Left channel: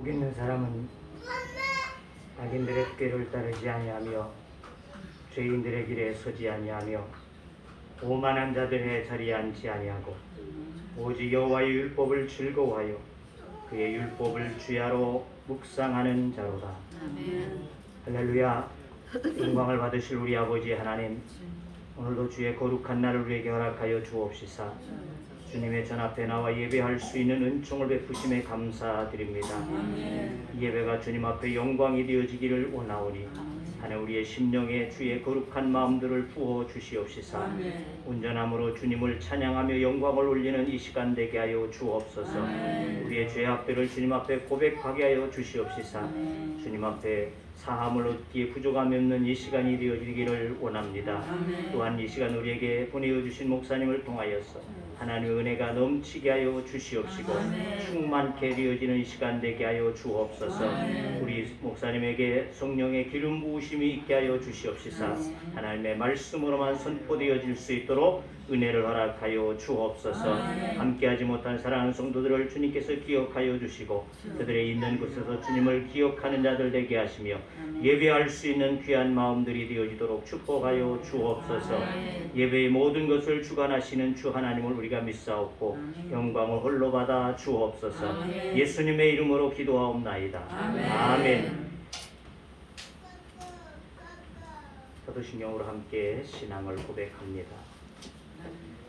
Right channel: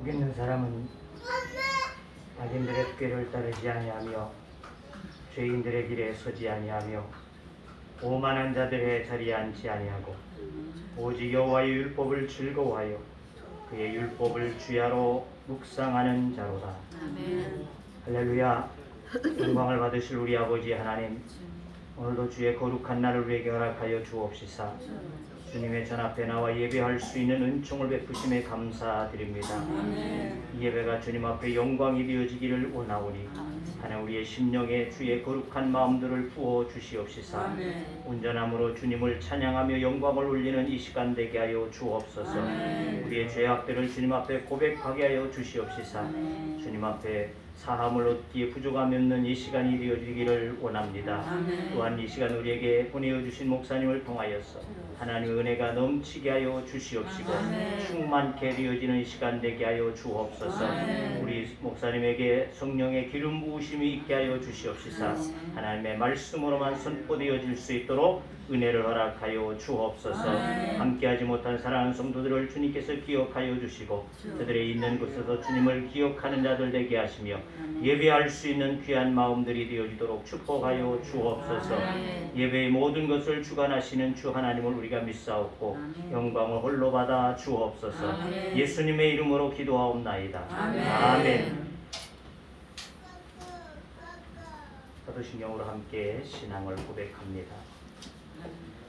복 있는 사람은 악인들의 꾀를 따르지 아니하며 죄인들의 길에 서지 아니하며 오만한 자들의 자리에 앉지 아니하고 오직 여호와의 율법을 즐거워하여 그의 율법을 주야로 묵상하는 자로다. 아멘. 할렐루야. 영광을 받으실 우리 아버지 하나님, 오늘도 주의 거룩한 날을 우리에게 허락하여 주옵시사. 주님의 전 앞에 나와 예배할 수 있는 은총을 베푸심에 감사드립니다. 이 예배가 주님 앞에 영광이 되어지기를 원하오니 하나님 우리의 심령에 주의 거룩한 마음들을 부어 주시옵시사. 온전함으로 주님을 찬양하며 영광을 올리는 이 시간 되게 하여 주옵소서. 우리의 죄악들을 주님 앞에 고백하게 하여 주시옵시사. 주님 앞에 사함을 얻기에 부족함이 없는 이 시간이 되어지기를 원합니다. 또한 이 시간 우리에게 보내어 주신 목사님을 통하여서 하나님의 은혜가 넘치게 하여 주시옵시고 충만케 되어지는 이 시간 되게 하여 주옵소서. 우리 목사님에게 성령의 기름 부으심이 있게 하여 주시옵시사. 하나님의 말씀으로만 선포되어질 수 있도록 은혜를 허락하여 주옵소서. 함께하지 못한 사랑하는 성도들을 주님께서 기억하여 주시고 그들의 있는 곳에서 주님을 기억하는 자들 되게 하시며 예배할 수 있는 귀한 마음들이 되어지도록 축복하여 주옵소서. 예배의 모든 것을 주관하시는 주 하나님을 우리가 믿사옵고 영광을 홀로 받아 주옵소서. 예수님의 이름으로 기도하옵나이다. 아멘. 사도신경으로 함께 신앙을 고백합니다.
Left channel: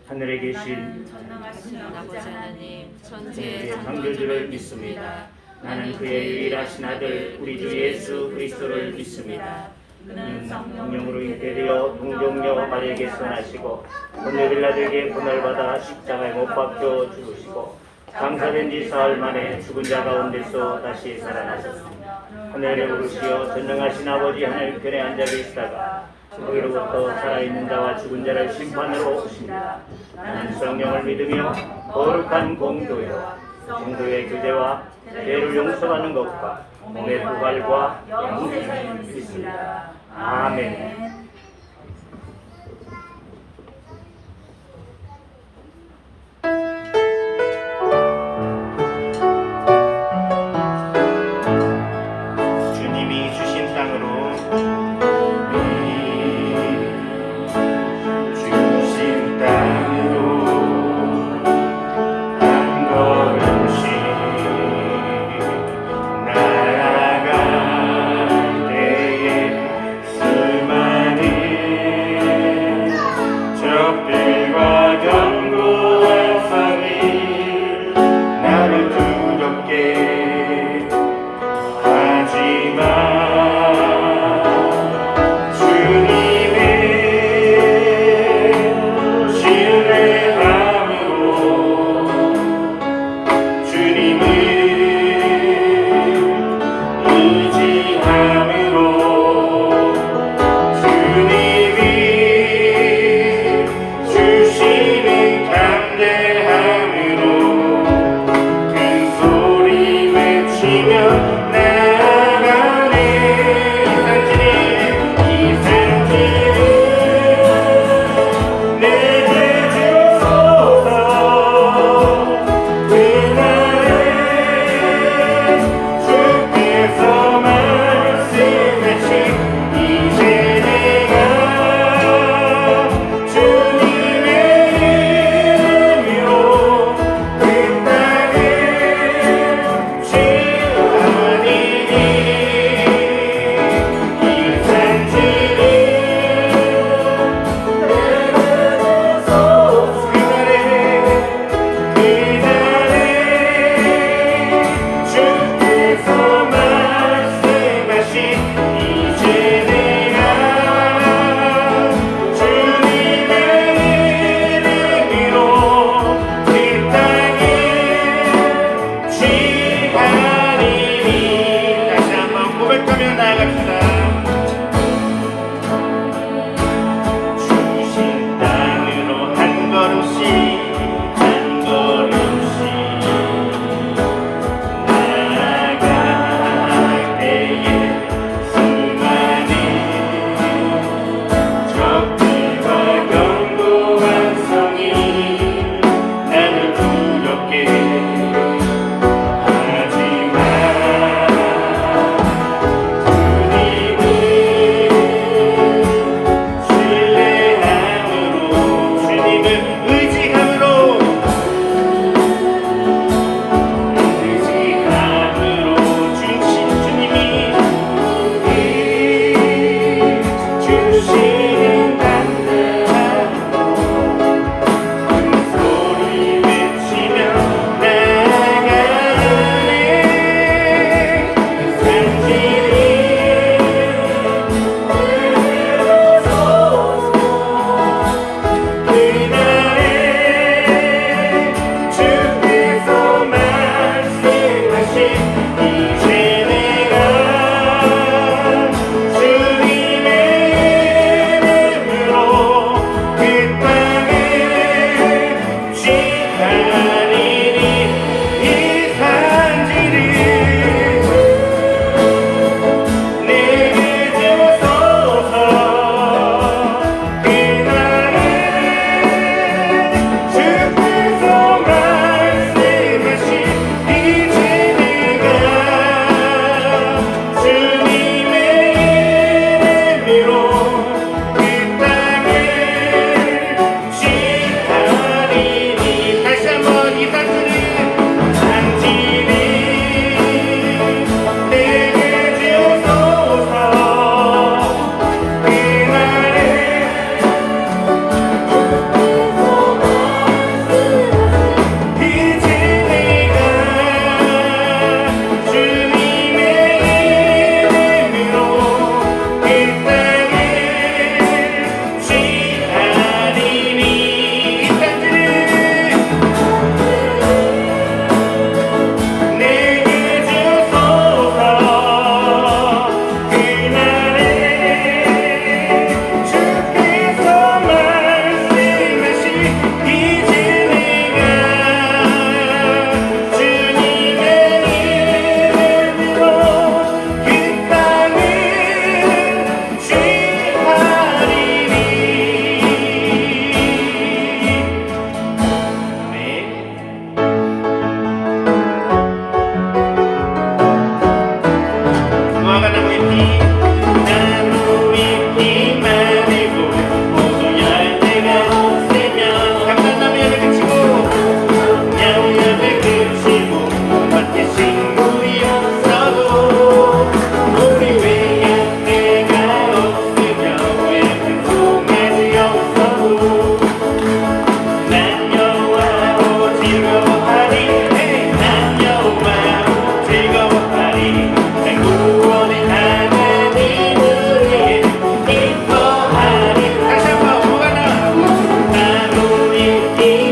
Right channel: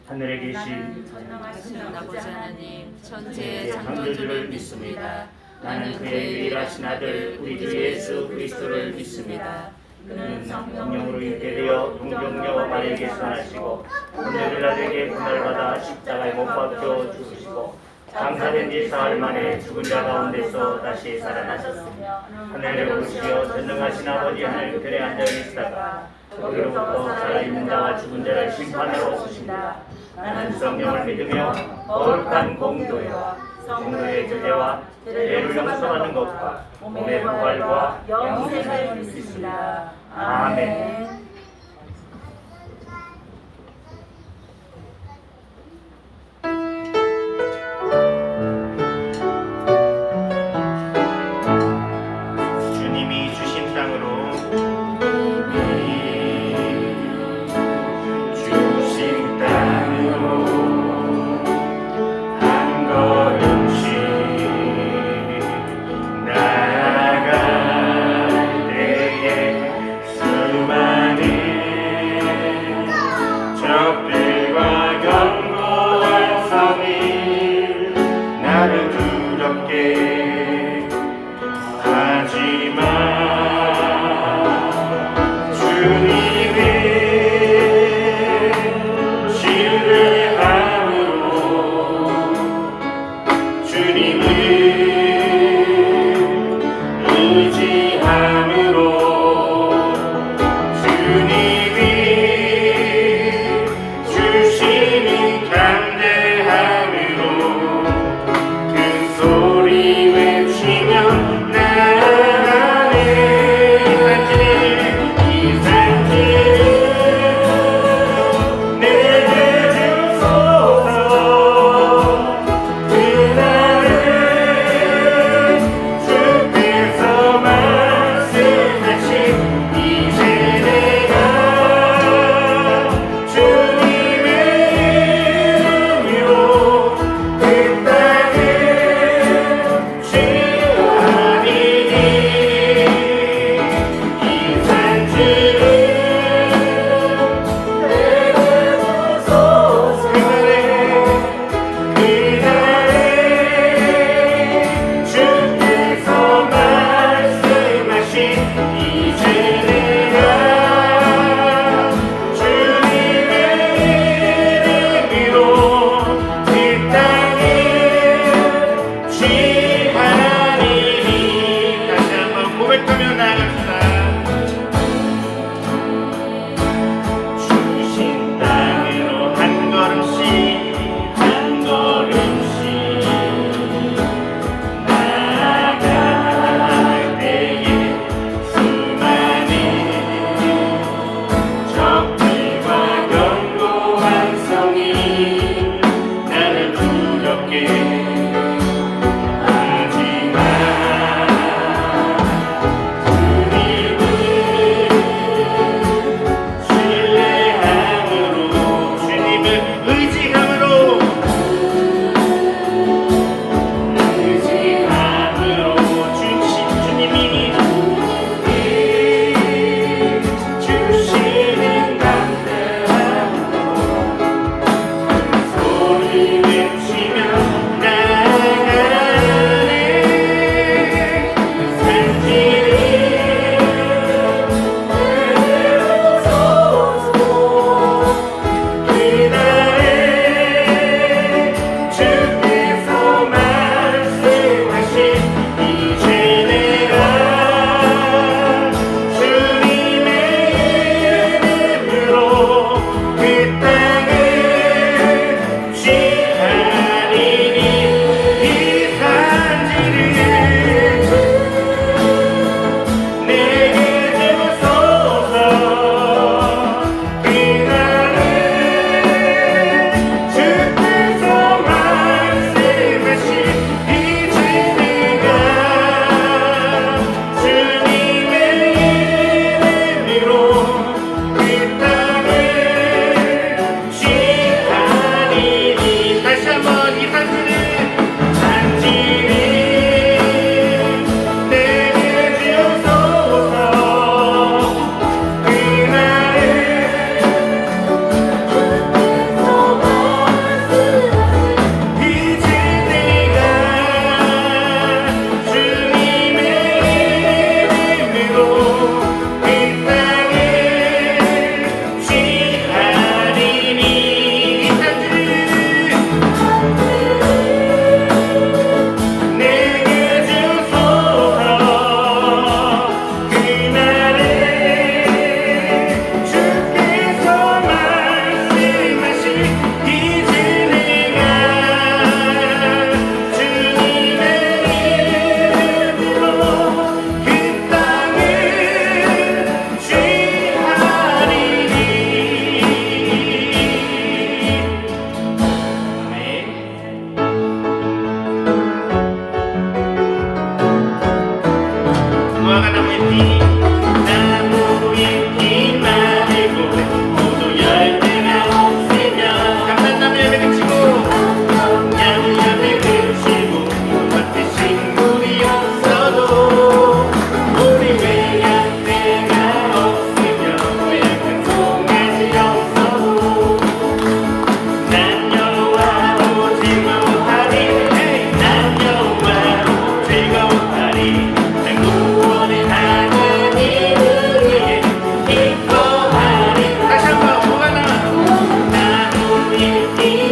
하늘에 계신 전능하신 아버지 하나님, 천지의 천지의 창조주를 믿습니다. 나는 그의 유일하신 아들 우리 주 예수 그리스도를 믿습니다. 그는 성령으로 잉태되어 동정녀 마리아에게서 나시고 본래빌라드에게 고난받아 십자가에 못 박혀 죽으시고 장사된 지 사흘 만에 죽은 자 가운데서 다시 살아나셨으며 하늘에 오르시어 전능하신 아버지 하나님 편에 앉아 계시다가 거기로부터 살아있는 자와 죽은 자를 심판하러 오신다. 나는 성령을 믿으며 거룩한 공교회와 성도의 교제와 죄를 용서받는 것과 몸의 부활과 영생을 믿습니다. 아멘. 주님이 주신 땅으로 나아갈 때에 수많은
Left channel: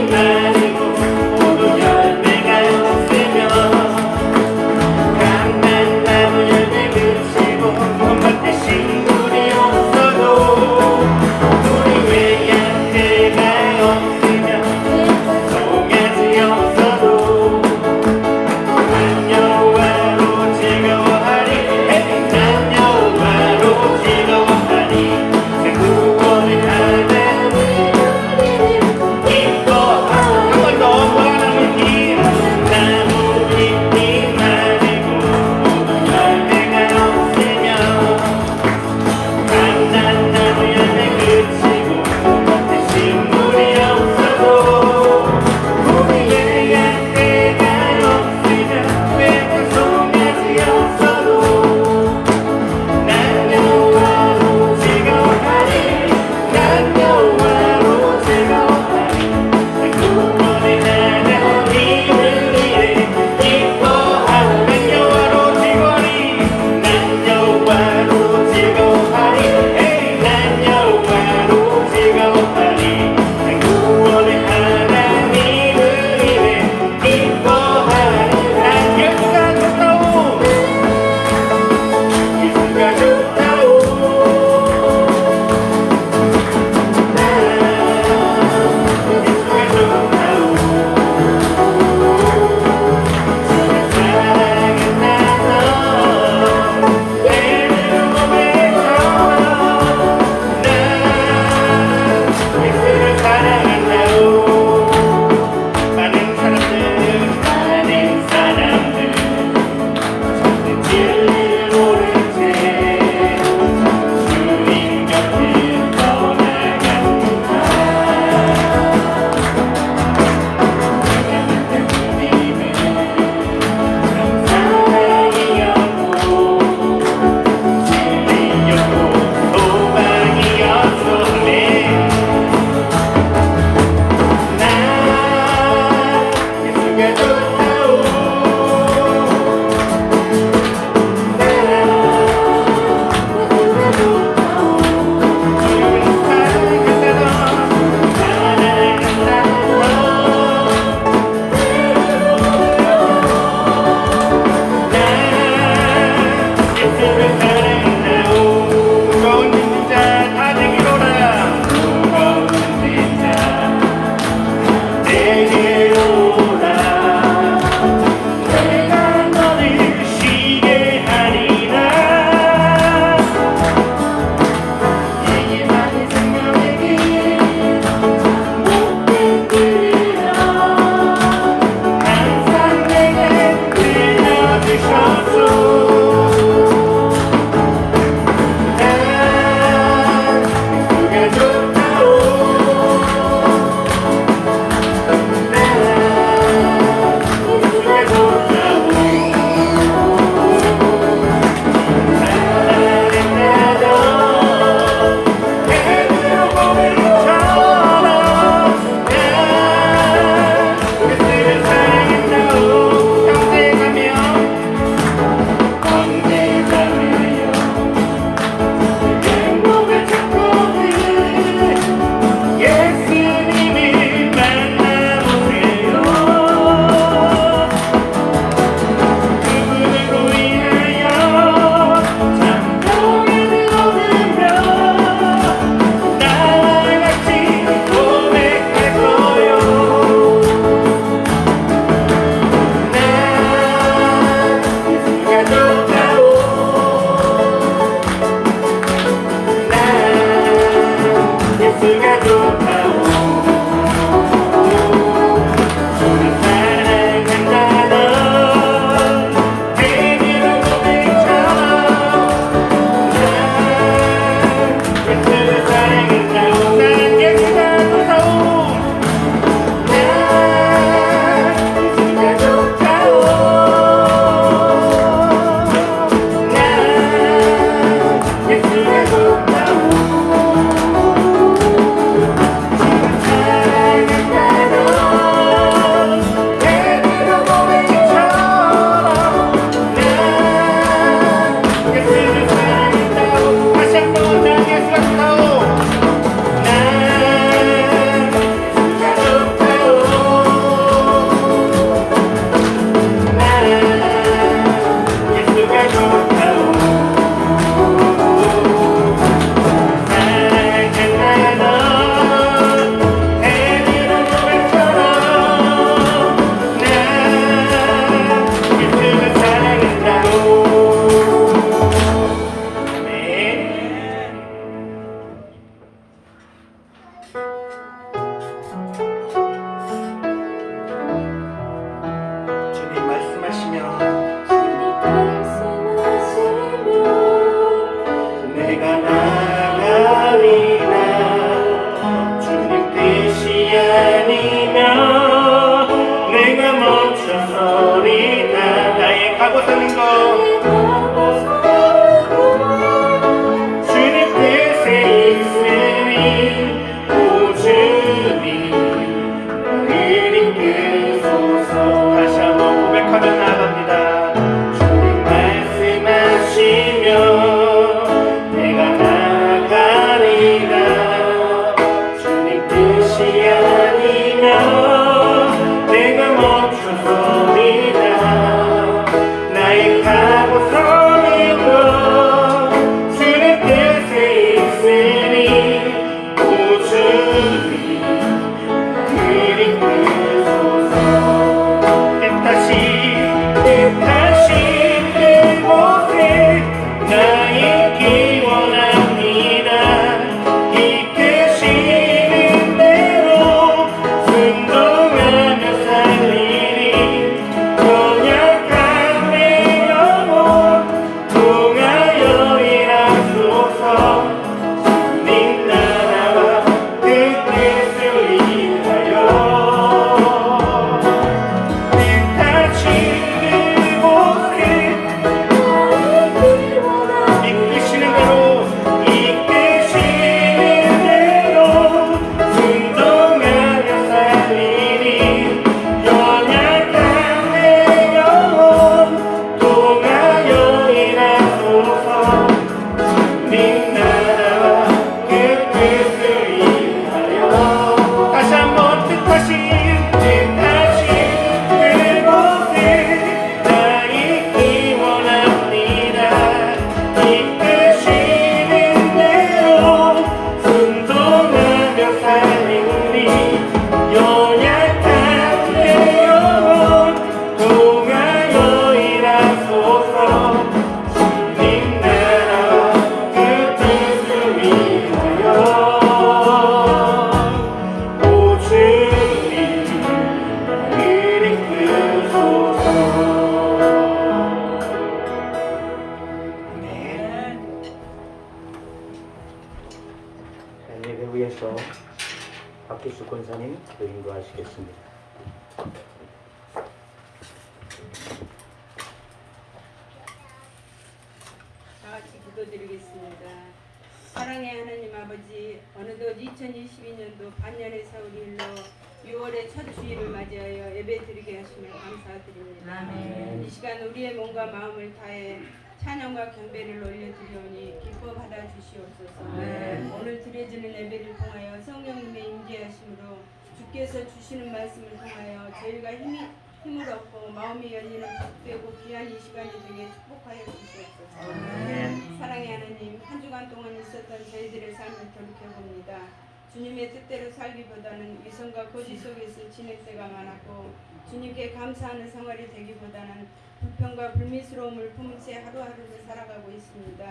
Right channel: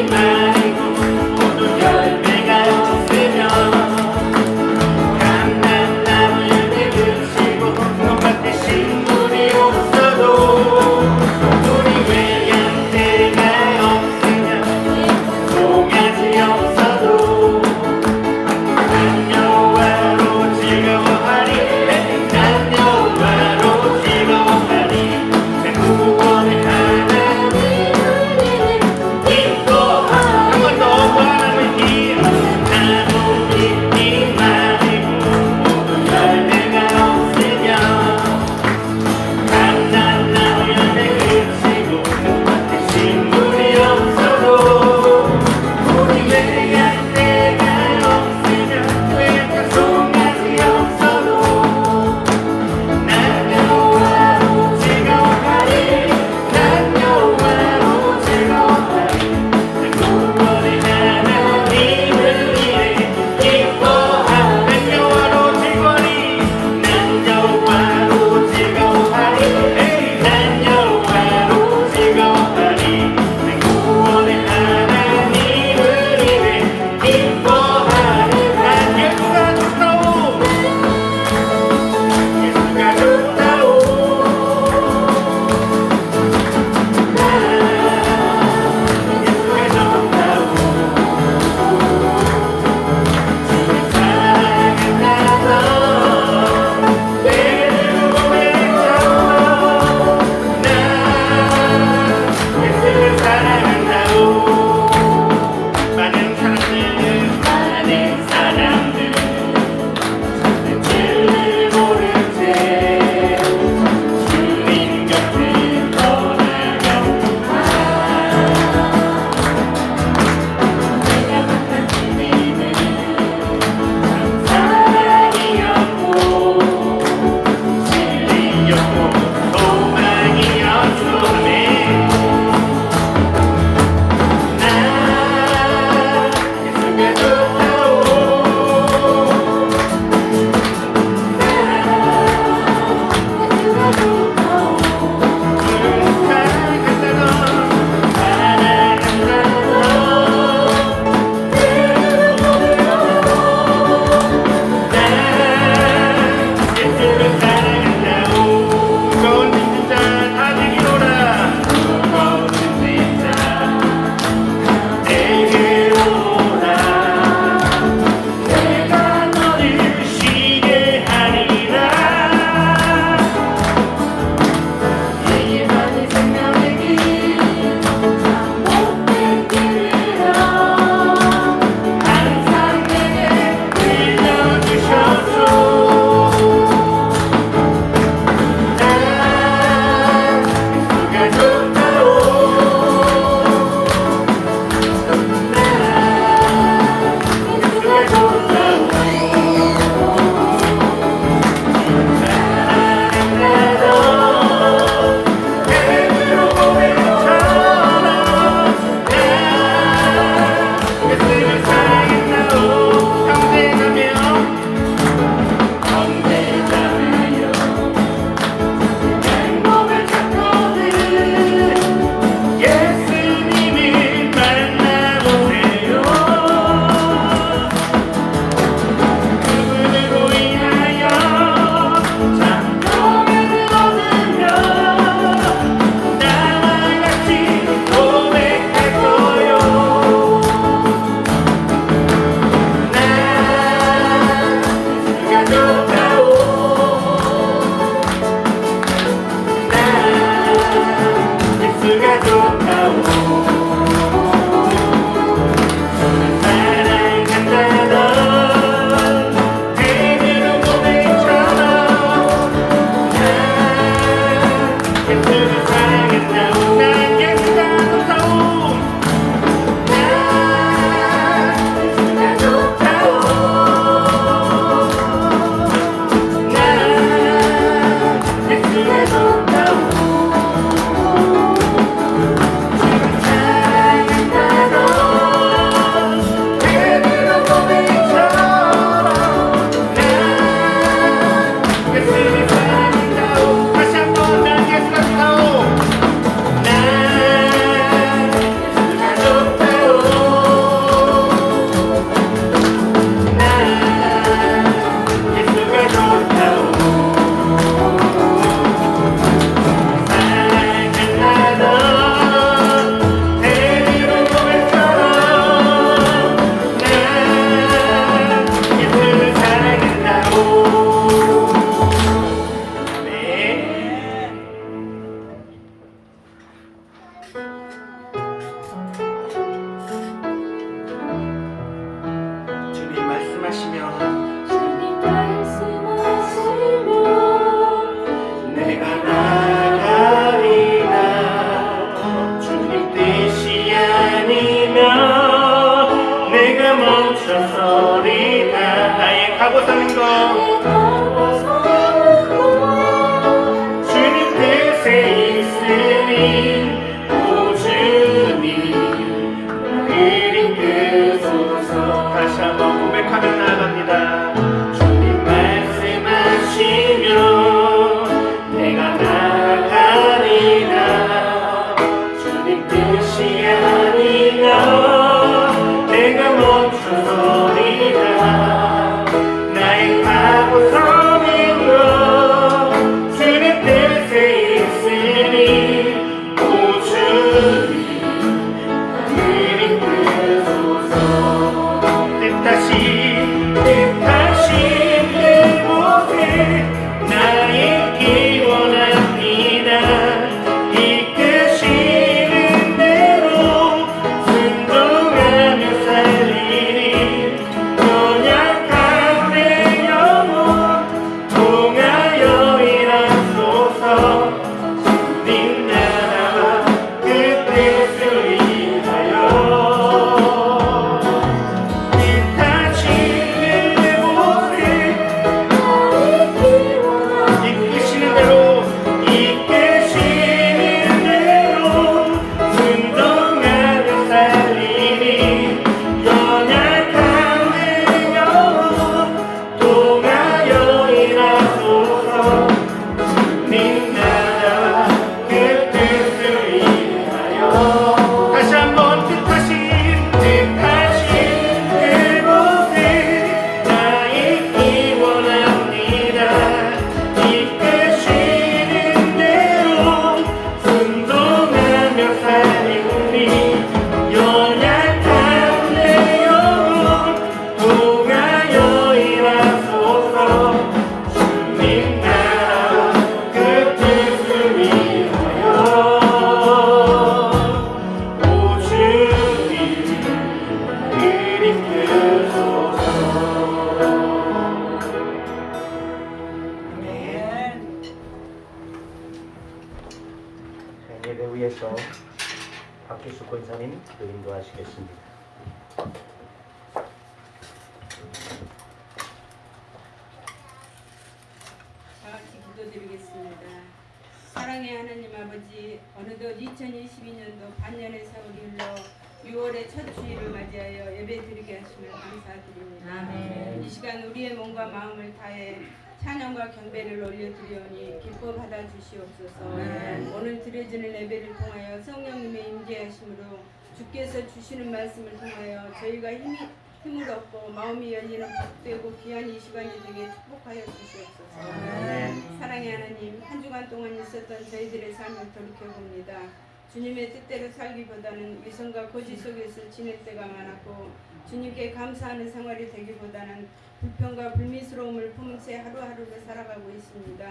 바르고 모두 열매가 주세요 강난 나무에 그치고 눈밭에 식물이 없어도 우리 외양 내가 없으면 송아지 없어도 남녀와로 즐거워하리 남녀와로 즐거워하리 새 구원의 하늘 기뻐하리 말씀하시며 주님 말씀하시며 내가 나가리라 주님 뜻이 아니면 내가 멈춰서리다 나의 가고 사는 것 주님 뜻에 있으니 오 주님 나를 이끄소서 다시 한번 고백하며 나갑니다 주님 말씀하시며 내가 나가리라 주님 뜻이 아니면 내가 멈춰서리라 나의 가고 서는 것 주님 뜻에 있으니 오 주님 나를 이끄소서 뜻하신 그곳에 나 있기 원합니다 이끄시는 대로 순종하며 살리리 연약한 내 영혼 통하여 일하소서 주님 나라와 그 뜻을 위하여 뜻하신 그곳에 이끄시는 대로 순종하며 살리니 연약한 내 영혼 통하여 일하소서 주님 나라와 그 뜻을 위하여 다시 한번 뜻하신 그곳에 나 있기 원합니다 이끄시는 대로 순종하며 살리니 연약한 내 영혼 통하여 일하소서 주님 나라와 그 뜻을 위하여 오 주님 나를 이끄소서 예배 위에서 박기수 권사님 인도하시겠습니다. 다 같이 기도드리겠습니다. 사랑의 하나님 아버지, 어느덧 2022년도 반년의 세월이 흘러 6월의 첫 주일을 맞이하여 예배 드리게 하시면 감사드립니다. 아멘. 이 시간 우리의 몸과 마음을 다해 찬양과 경배를 올려드리오니 기뻐 받아주시옵소서. 오늘 드려지는 예배를 통하여 성령님의 임재하심으로 주께서 주시는 말씀을 통하여 저희가 힘을 얻고 마음이 열리는 복되고 귀한 이 시간이 되게 축복하여 주시옵소서. 사랑의 하나님, 한 주간 동안 있었던 저희들의 삶을 돌이켜봅니다. 주님의 뜻대로 살기보다는 위선과 거짓 속에서 지낼 때가 많았고 주님께 감사하는 생활이 되기보다는 불평과 불미스러움을 품은 채 하루하루를 살아가고 있습니다.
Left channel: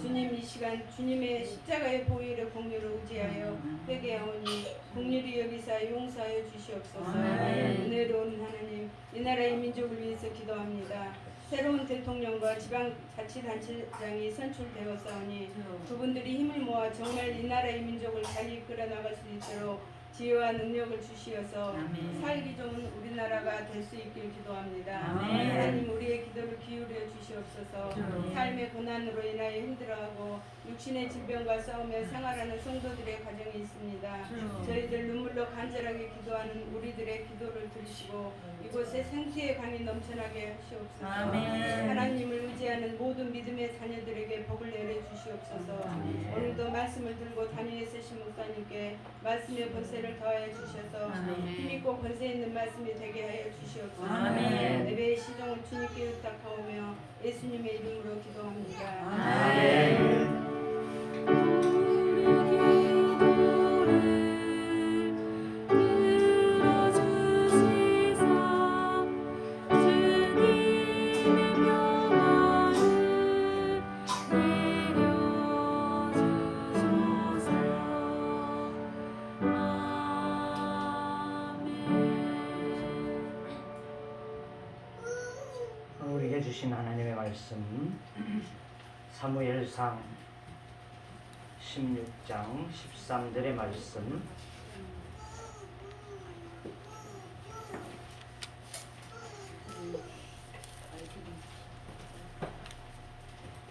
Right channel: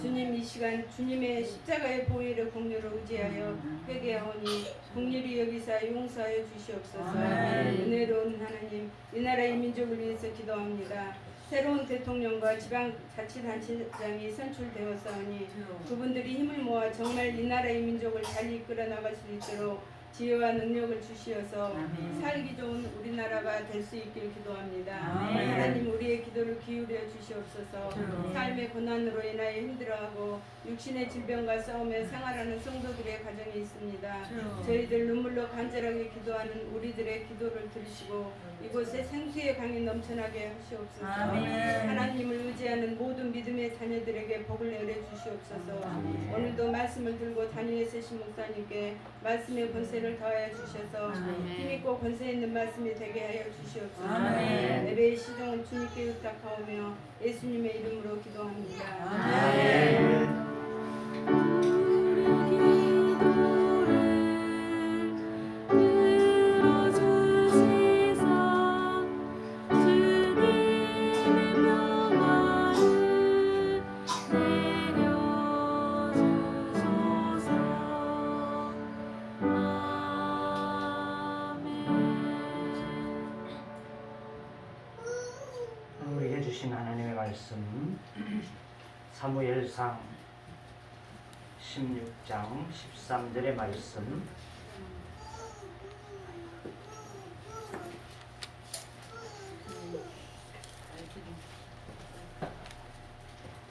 주님, 이 시간 주님의 십자가의 보혈의 공로를 의지하여 회개하오니 긍휼히 여기사 용서하여 주시옵소서. 은혜로운 하나님, 이 나라의 민족을 위해서 기도합니다. 새로운 대통령과 지방자치단체장이 선출되었사오니 그분들이 힘을 모아 정말 이 나라의 민족을 잘 이끌어 나갈 수 있도록 지혜와 능력을 주시어서 살기 좋은 우리나라가 될 수 있길 기도합니다. 하나님, 우리의 기도를 기울여 주시옵소서. 삶의 고난으로 인하여 힘들어하고 육신의 질병과 싸우며 생활하는 성도들의 가정이 있습니다. 저희들 눈물로 간절하게 기도하는 우리들의 기도를 들으시고 이곳에 생수의 강이 넘쳐나게 하시옵소서. 하나님을 의지하는 모든 믿음의 자녀들에게 복을 내려 주시옵소서. 오늘도 말씀을 들고 다니엘 세신 목사님께 말씀의 권세를 더하여 주셔서 힘있고 권세 있는 말씀이 되게 하여 주시옵소서. 예배의 시종을 주님께 의탁하오며 예수님의 이름으로 기도합니다. 아멘. 주신 하나님의 말씀 사무엘상 16장 13절의 말씀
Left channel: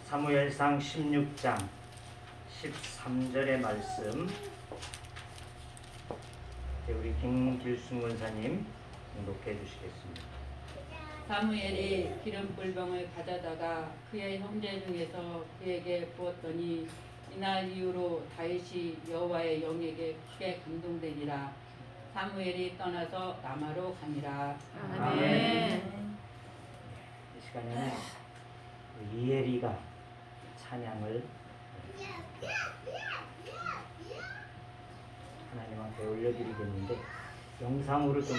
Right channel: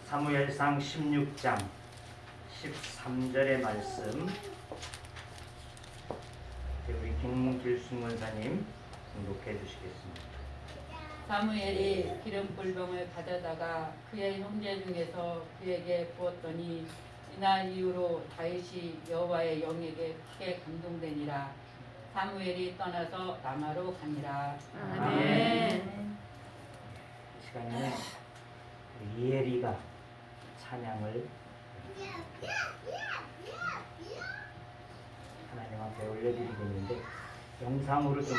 사무엘상 16장 13절의 말씀 우리 김길순 원사님 봉독해 주시겠습니다. 사무엘이 기름불병을 가져다가 그의 형제 중에서 그에게 부었더니 이날 이후로 다윗이 여호와의 영에게 크게 감동되니라. 사무엘이 떠나서 라마로 가니라. 아멘. 이 시간에는 이엘이가 찬양을 하나님 앞에 올려드리겠는데 영상으로 좀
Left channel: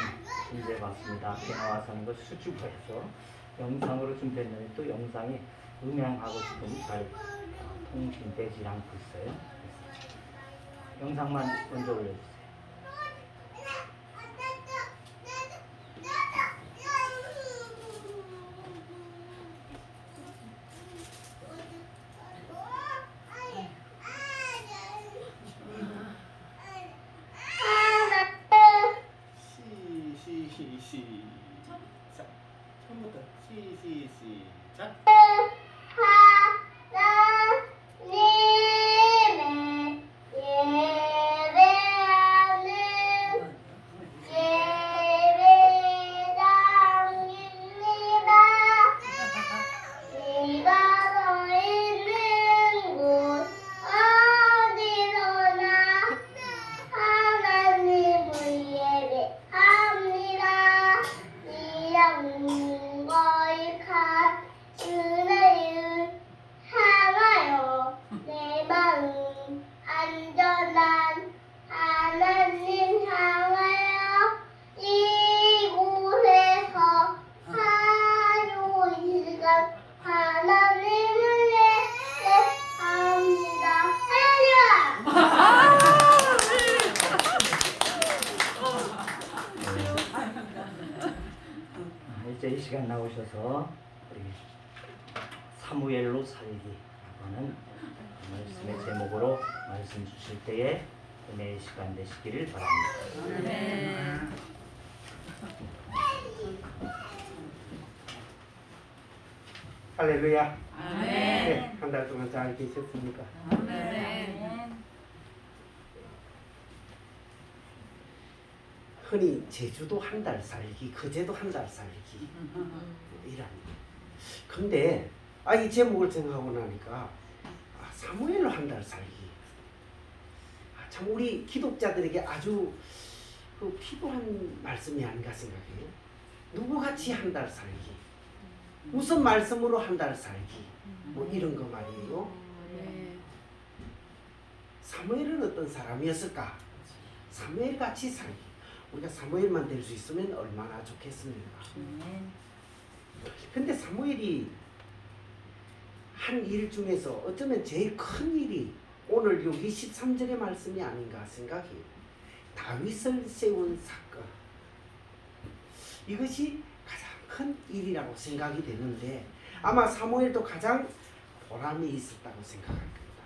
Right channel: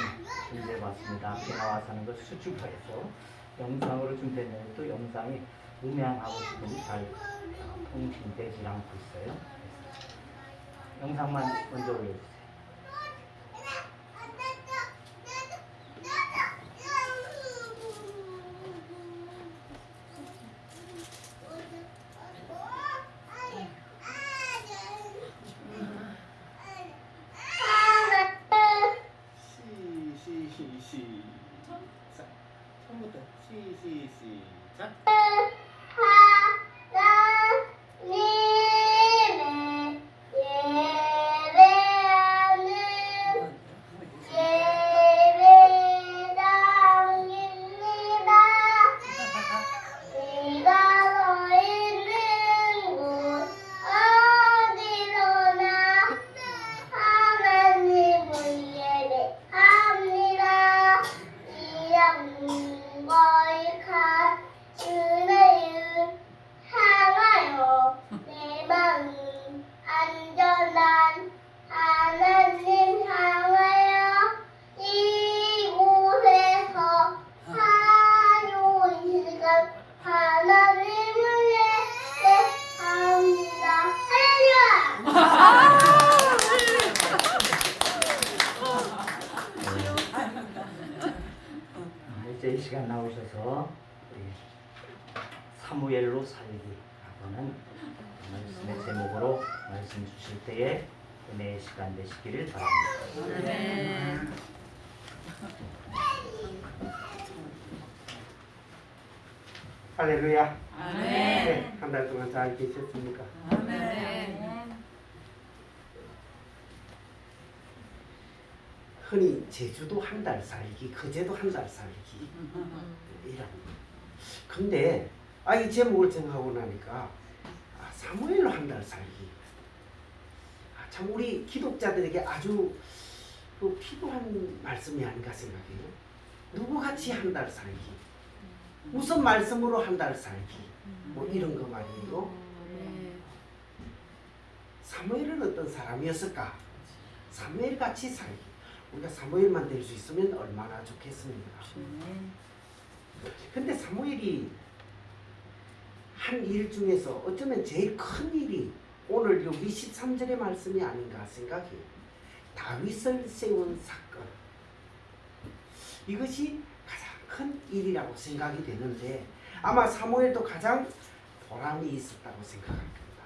준비해봤습니다. 앞에 나와서 하는 것 수줍어서 영상으로 준비했는데 또 영상이 음향하고 지금 잘 통신되지 않고 있어요. 영상만 먼저 올려주세요. 시작. 처음부터 시작. 안전한 하나님 향하여 이곳에서 사유일간 하나님을 예배합니다. 이제 이 시간 나오셔서 우리 사무엘로 살기라고는 말씀의 제목으로 말씀 주실 때에 은혜의 시간 되시기를 바랍니다. 아멘. 할렐루야. 아멘. 네, 한 달 동안 잘 계셨습니까? 아멘. 흔히 제주도 한 달 살기, 거제도 한 달 살기 이런. 근데 이 제목을 정하고 나니까 사무엘로 한 달 살기. 참 우리 기독자들에게 아주 필요한 말씀이 아닌가 생각해요. 누구같이 한 달 살기. 무슨 말씀으로 한 달 살기. 뭐 이런 거 말이에요. 사무엘은 어떤 사람이었을까? 사무엘 같이 살기. 우리가 사무엘만 될 수 있으면 얼마나 좋겠습니까? 근데 사무엘이 한 일 중에서 어쩌면 제일 큰 일이 오늘 여기 13절의 말씀이 아닌가 생각해요. 다윗을 세운 사건. 이것이 가장 큰 일이라고 생각이 되는데 아마 사무엘도 가장 보람이 있었다고 생각할 겁니다.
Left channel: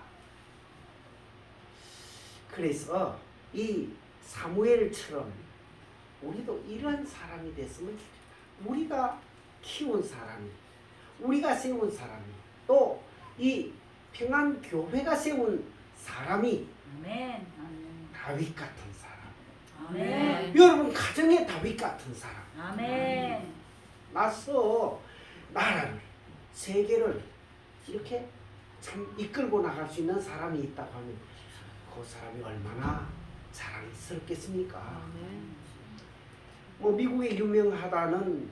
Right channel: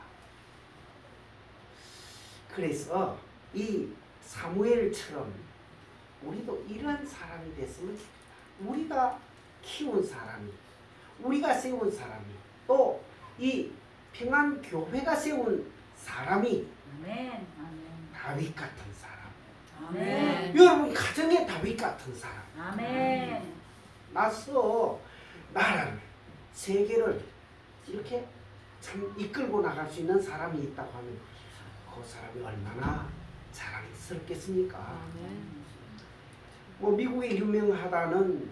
그래서 이 사무엘처럼 우리도 이러한 사람이 됐으면 좋겠다. 우리가 키운 사람이, 우리가 세운 사람이, 또 이 평안교회가 세운 사람이 아멘. 다윗 같은 사람. 아멘. 여러분 가정에 다윗 같은 사람. 아멘. 맞서 나라를, 세계를 이렇게 참 이끌고 나갈 수 있는 사람이 있다고 하면 그 사람이 얼마나 자랑스럽겠습니까? 뭐 미국에 유명하다는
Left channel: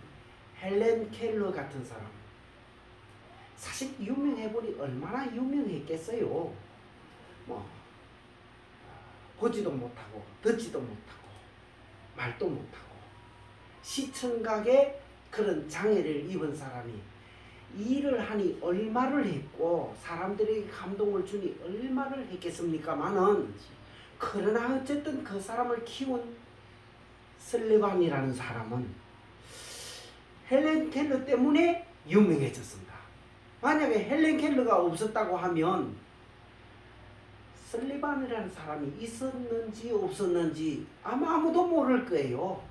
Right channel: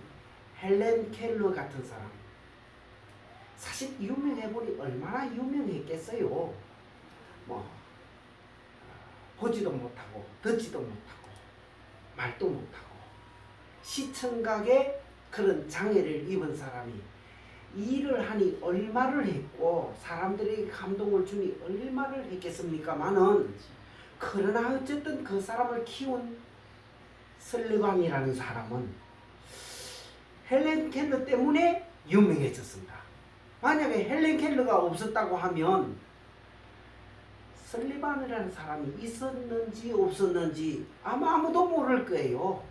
헬렌 켈러 같은 사람. 사실 유명해보니 얼마나 유명했겠어요. 뭐 보지도 못하고 듣지도 못하고 말도 못하고 시청각에 그런 장애를 입은 사람이 일을 하니 얼마를 했고 사람들에게 감동을 주니 얼마를 했겠습니까마는 그러나 어쨌든 그 사람을 키운 설레반이라는 사람은 헬렌 켈러 때문에 유명해졌습니다. 만약에 헬렌 켈러가 없었다고 하면 설리반이라는 사람이 있었는지 없었는지 아마 아무도 모를 거예요.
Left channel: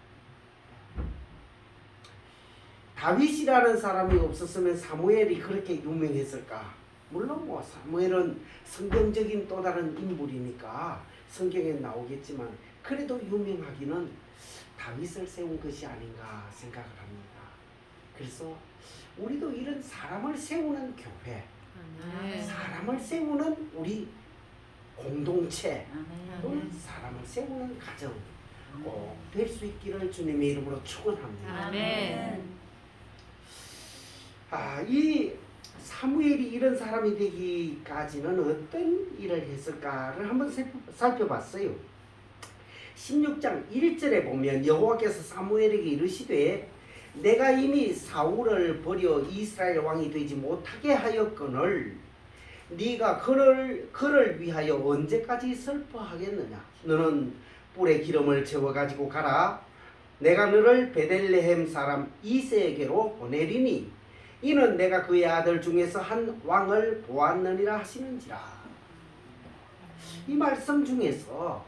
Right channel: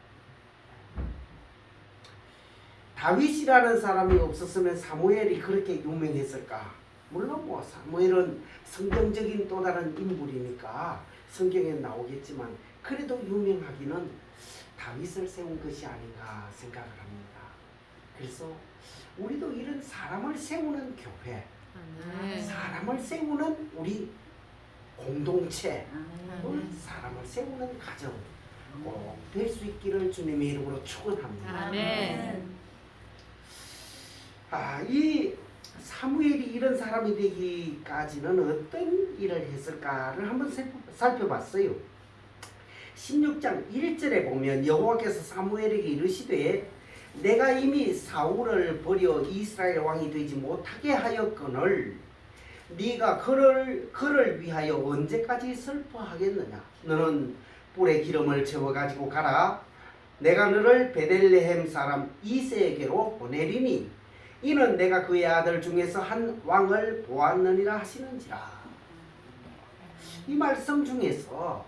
다윗이라는 사람이 없었으면 사무엘이 그렇게 유명했을까? 물론 뭐 사무엘은 성경적인 또 다른 인물이니까 성경에 나오겠지만 그래도 유명하기는 다윗을 세운 것이 아닌가 생각을 합니다. 그래서 우리도 이런 사람을 세우는 교회, 사람을 세우는 우리 공동체 또는 사람을 세우는 가정 꼭 될 수 있기를 주님의 이름으로 축원합니다. 아멘. 이 사무엘이 이런 사람이 되기까지는 어떤 일을 했을까를 한번 살펴봤어요. 16장 1절에 보면 여호와께서 사무엘에게 이르시되 내가 이미 사울을 버려 이스라엘 왕이 되지 못하게 하였거늘 네가 그를 위하여 언제까지 슬퍼하겠느냐. 너는 뿔에 기름을 채워 가지고 가라. 내가 너를 베들레헴 사람 이새에게로 보내리니 이는 내가 그의 아들 중에서 한 왕을 보았느니라 하시는지라. 이 말씀 중에서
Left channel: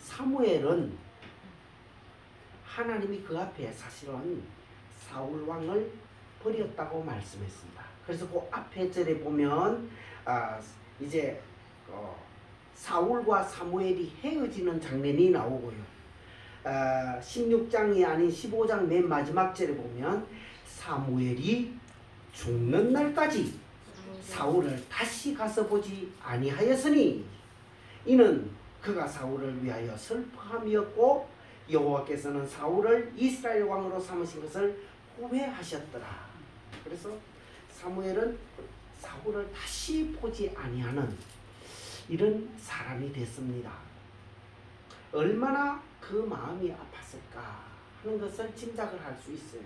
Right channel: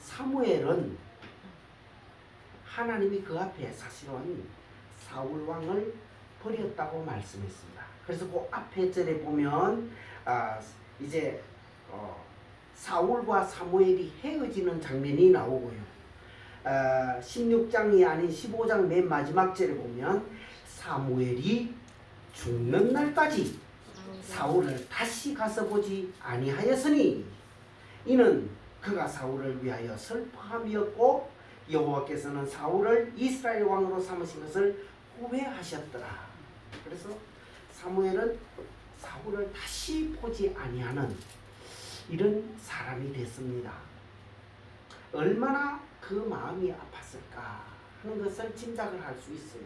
사무엘은 하나님이 그 앞에 사실은 사울 왕을 버렸다고 말씀했습니다. 그래서 그 앞에 절에 보면 이제 사울과 사무엘이 헤어지는 장면이 나오고요. 16장이 아닌 15장 맨 마지막 절에 보면 사무엘이 죽는 날까지 사울을 다시 가서 보지 아니하였으니 이는 그가 사울을 위하여 슬퍼함이었고 여호와께서는 사울을 이스라엘 왕으로 삼으신 것을 후회하셨더라. 그래서 사무엘은 사울을 다시 보지 아니하는 이런 사람이 됐습니다. 얼마나 그 마음이 아팠을까 하는 것을 짐작을 할 수 있어요.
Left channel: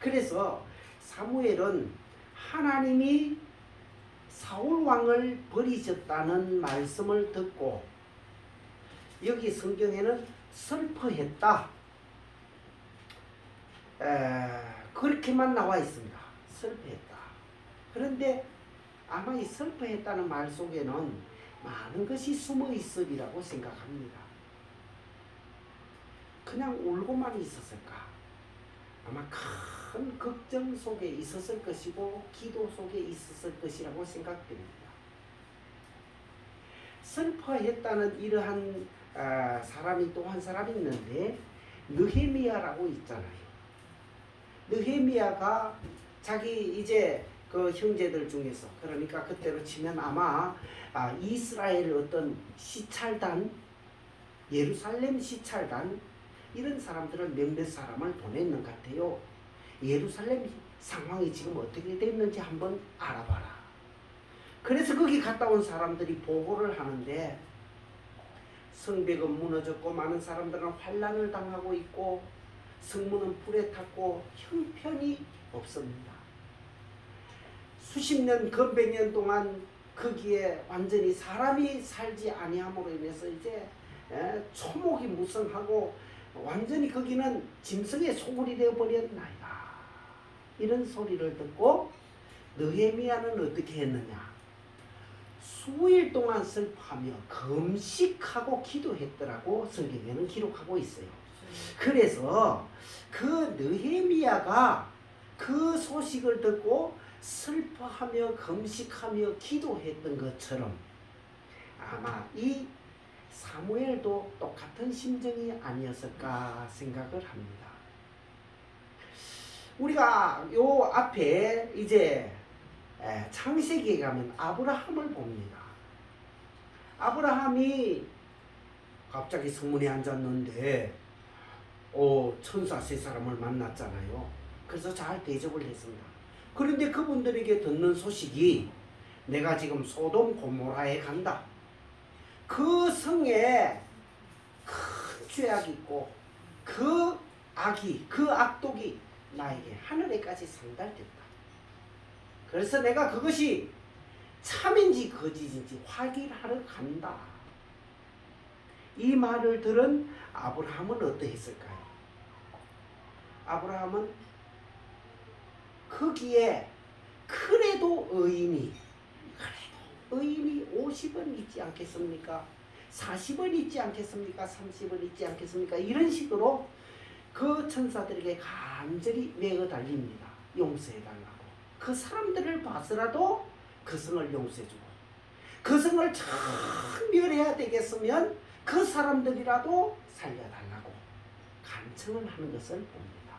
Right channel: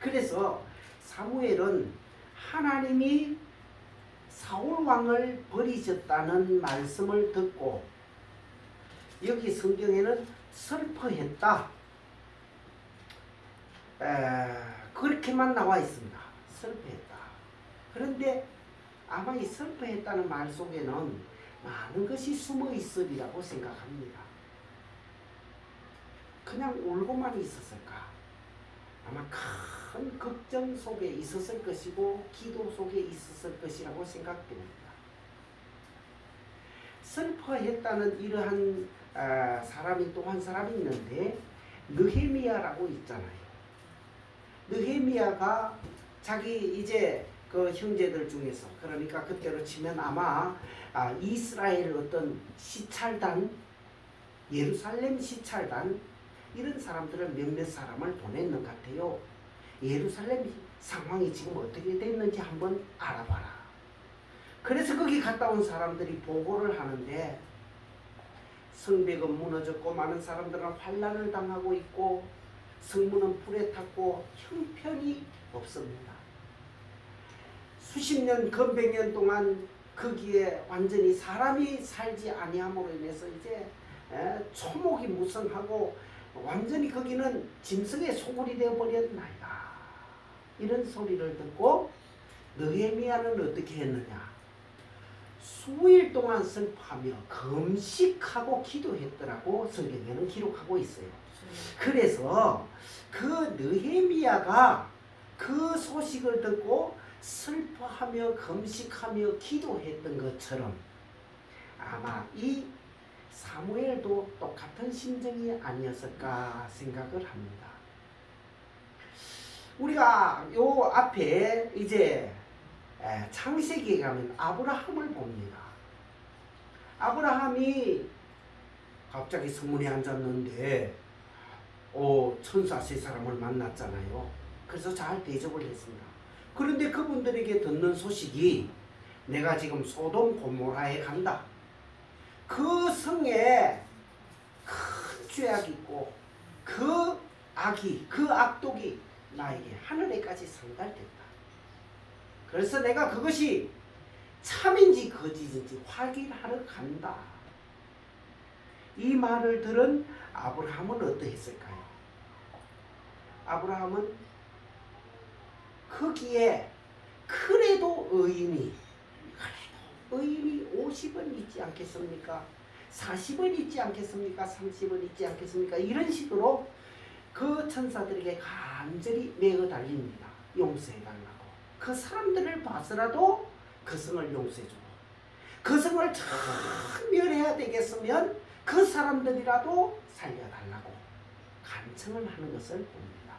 그래서 사무엘은 하나님이 사울 왕을 버리셨다는 말씀을 듣고 여기 성경에는 슬퍼했다. 그렇게만 나와 있습니다. 슬퍼했다. 그런데 아마 이 슬퍼했다는 말 속에는 많은 것이 숨어 있으리라고 생각합니다. 그냥 울고만 있었을까? 아마 큰 걱정 속에 있었을 것이고 기도 속에 있었을 것이라고 생각됩니다. 슬퍼했다는 이러한 사람이 또 한 사람이 있는데 느헤미야라고 있잖아요. 느헤미야가 자기 이제 그 형제들 중에서 그러니까 그때로 치면 아마 이스라엘 어떤 시찰단, 예루살렘 시찰단 이런 사람들을 몇몇 사람을 보냈는 것 같아요. 예루살렘 상황이 지금 어떻게 됐는지 한번 알아봐라. 그래서 거기 갔다 온 사람들이 보고를 하는데 성벽은 무너졌고 많은 사람들은 환난을 당하고 있고 성문은 불에 탔고 형편이 없습니다. 수십 년, 건백 년 동안 거기에 완전히 사람이 살지 아니함으로 인해서 이제 초목이 무성하고 완전히 거기는 짐승의 소굴이 되어버렸나이다. 이런 소리를 듣고 느헤미야는 어떻게 했느냐. 수일 동안 슬퍼하며 금식하고 기도했더라고 성경에는 기록하고 있어요. 그래서 그 느헤미야가 그 소식을 듣고 슬퍼하며 금식하며 기도했던 것처럼 아마 이 사무엘도 똑같은 심정이 아니었을까 생각을 합니다. 우리가 요 앞에 이제 창세기에 가면 아브라함을 봅니다. 아브라함이 갑자기 성문에 앉았는데 천사 세 사람을 만났잖아요. 그래서 잘 대접을 했습니다. 그런데 그분들에게 듣는 소식이 내가 지금 소돔 고모라에 간다. 그 성에 큰 죄악이 있고 그 악이 그 악독이 나에게 하늘에까지 상달됐다. 그래서 내가 그것이 참인지 거짓인지 확인하러 간다. 이 말을 들은 아브라함은 어떠했을까요? 아브라함은 거기에 그래도 의인이 50원 있지 않겠습니까? 40원 있지 않겠습니까? 30원 있지 않겠습니까? 이런 식으로 그 천사들에게 간절히 매어 달립니다. 용서해달라고. 그 사람들을 봐서라도 그 성을 용서해주고, 그 성을 청멸해야 되겠으면 그 사람들이라도 살려달라고 간청을 하는 것을 봅니다.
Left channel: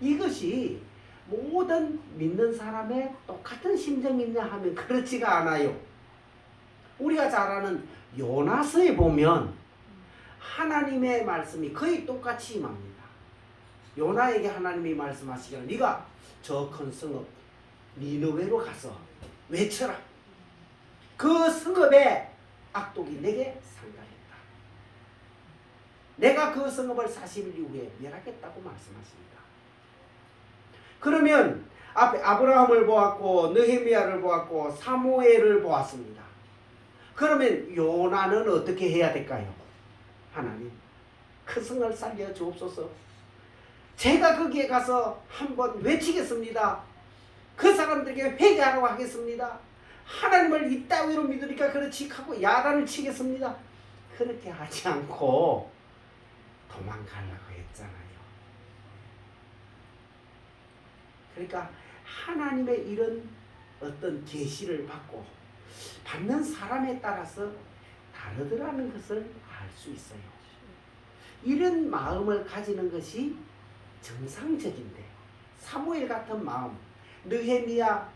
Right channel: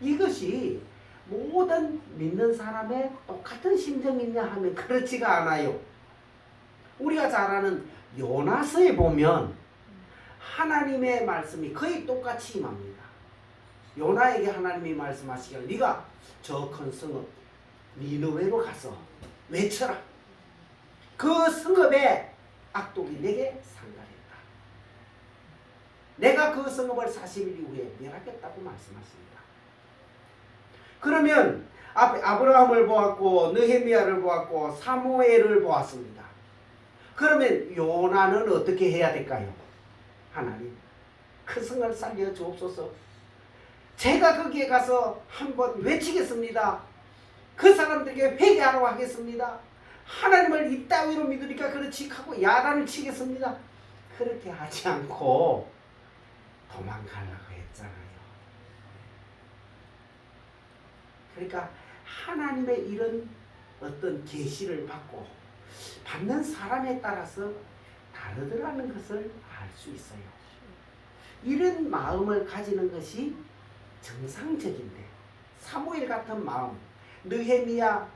이것이 모든 믿는 사람의 똑같은 심정이냐 하면 그렇지가 않아요. 우리가 잘 아는 요나서에 보면 하나님의 말씀이 거의 똑같이 임합니다. 요나에게 하나님이 말씀하시기를 네가 저 큰 성읍 니느웨로 가서 외쳐라. 그 성읍의 악독이 내게 상달했다. 내가 그 성읍을 40일 이후에 멸하겠다고 말씀하십니다. 그러면 앞에 아브라함을 보았고 느헤미야를 보았고 사무엘을 보았습니다. 그러면 요나는 어떻게 해야 될까요? 하나님, 그 성을 살려 주옵소서. 제가 거기에 가서 한번 외치겠습니다. 그 사람들에게 회개하라고 하겠습니다. 하나님을 이따위로 믿으니까 그렇지 하고 야단을 치겠습니다. 그렇게 하지 않고 도망가려고 했잖아요. 그러니까 하나님의 이런 어떤 계시를 받고 받는 사람에 따라서 다르더라는 것을 알 수 있어요. 이런 마음을 가지는 것이 정상적인데, 사무엘 같은 마음, 느헤미야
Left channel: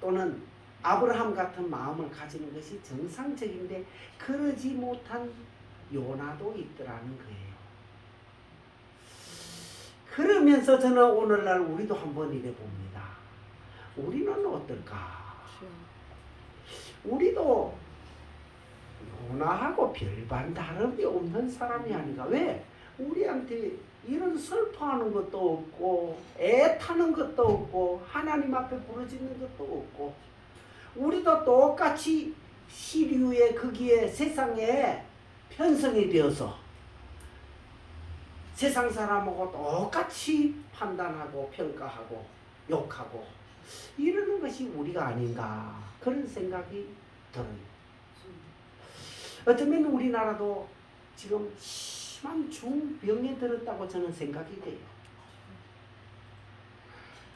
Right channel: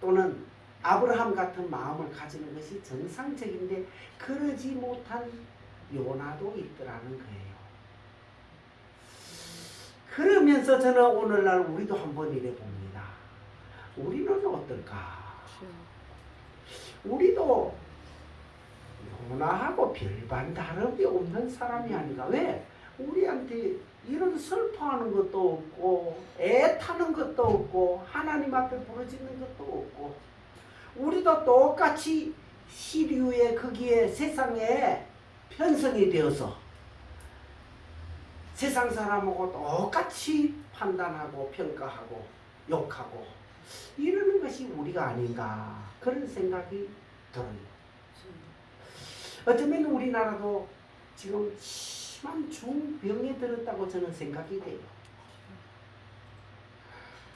또는 아브라함 같은 마음을 가지는 것이 정상적인데 그러지 못한 요나도 있더라는 거예요. 그러면서 저는 오늘날 우리도 한번 이래 봅니다. 우리는 어떨까? 우리도 요나하고 별반 다름이 없는 사람이 아닌가? 왜? 우리한테 이런 슬퍼하는 것도 없고 애타는 것도 없고 하나님 앞에 부르짖는 것도 없고, 우리도 똑같이 시류에 거기에 세상에 편성이 되어서 세상 사람하고 똑같이 판단하고 평가하고 욕하고 이러는 것이 우리가 아닌가, 그런 생각이 들어요. 어쩌면 우리나라도 지금 심한 중병에 들었다고 저는 생각이 돼요.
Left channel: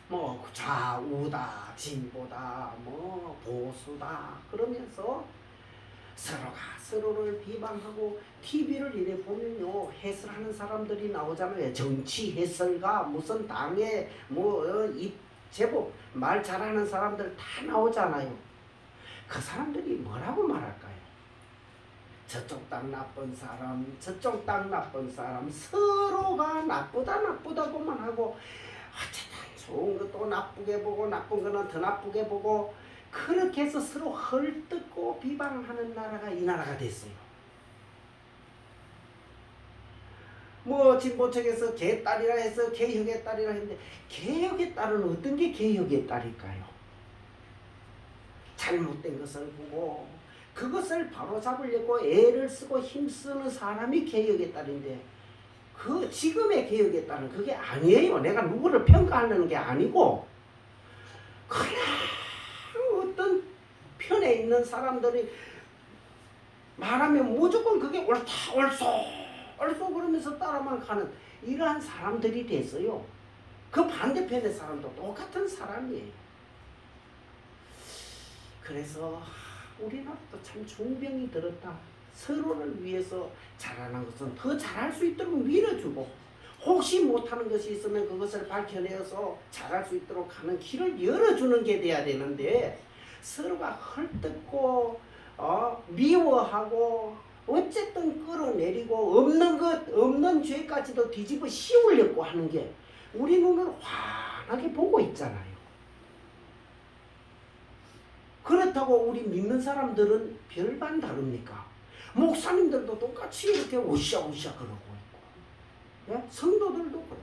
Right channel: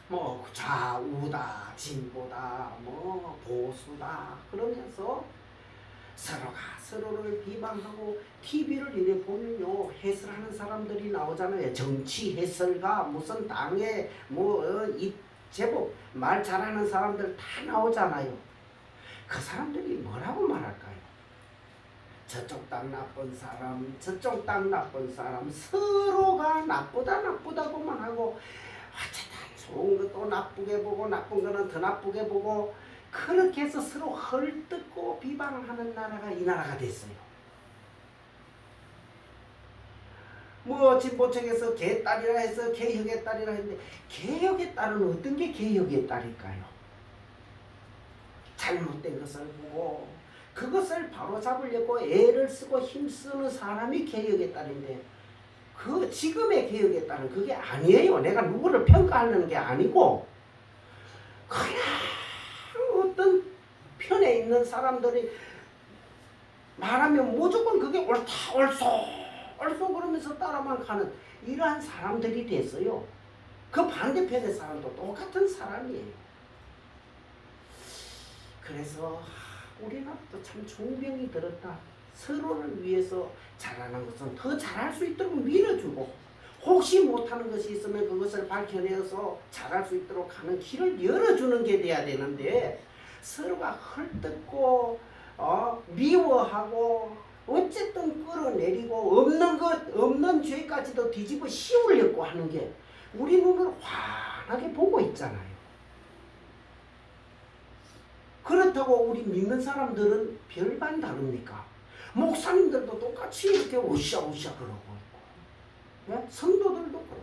뭐 좌우다, 진보다, 뭐 보수다 그러면서 서로가 서로를 비방하고, TV를 이래 보면요 해설하는 사람들이 나오잖아요. 정치 해설가, 무슨 당에 이 제법 말 잘하는 사람들 다 나오잖아요. 그 사람들이 뭐라고 말할까요? 저쪽 당 나쁜 사람, 저쪽 당 나쁜 사람, 서로가 나쁘다고만 하고, 어쨌든 좋은 것도 나쁘게 보고 나쁜 거는 더 나쁘게 보고, 그렇게 해서 서로 헐뜯고 비방하는 나라가 이 나라가 됐어요. 뭐 진보 측에서 개딸이라 해서 개혁의 딸이라 했는데, 개혁의 딸은 어떤 게 개혁의 딸일까요? 잘못된 것을 보고 그것을 바로잡으려고 애를 쓰고 힘쓰는 사람이 개혁의 딸인데, 그 지금의 개혁의 딸은 그게 아니에요. 내가 누구를 평가하려는 게 아니고, 그냥 어떤 편에 있는 사람들이 말하면 무조건 그게 옳다 옳소 그러면서 따라만 가는 이러한 사람들이 됐어요. 그 반대편의 사람도 똑같은 사람이에요. 그래서 우리나라도 참 중병이 들었다. 서로를 위해서 잘하는 것은 더 잘할 수 있도록 밀어주고, 혹시 못하는 것이 있으면 그것을 밝혀내어서 잘할 수 있도록 하는 길을 열어주는 게 돼야 되는데, 서로가 헐뜯고 미워하고 어쨌든 끌어내리고 없는 죄까지도 뒤집어 씌우려고 하는 게 우리 눈으로 환하게 보고 있잖아요. 그렇다고 우리 믿는 사람들은 별반 다릅니까? 목사님들도 똑같이 이렇게 으쌰으쌰 그러고 있고, 네? 성도들도 그렇고.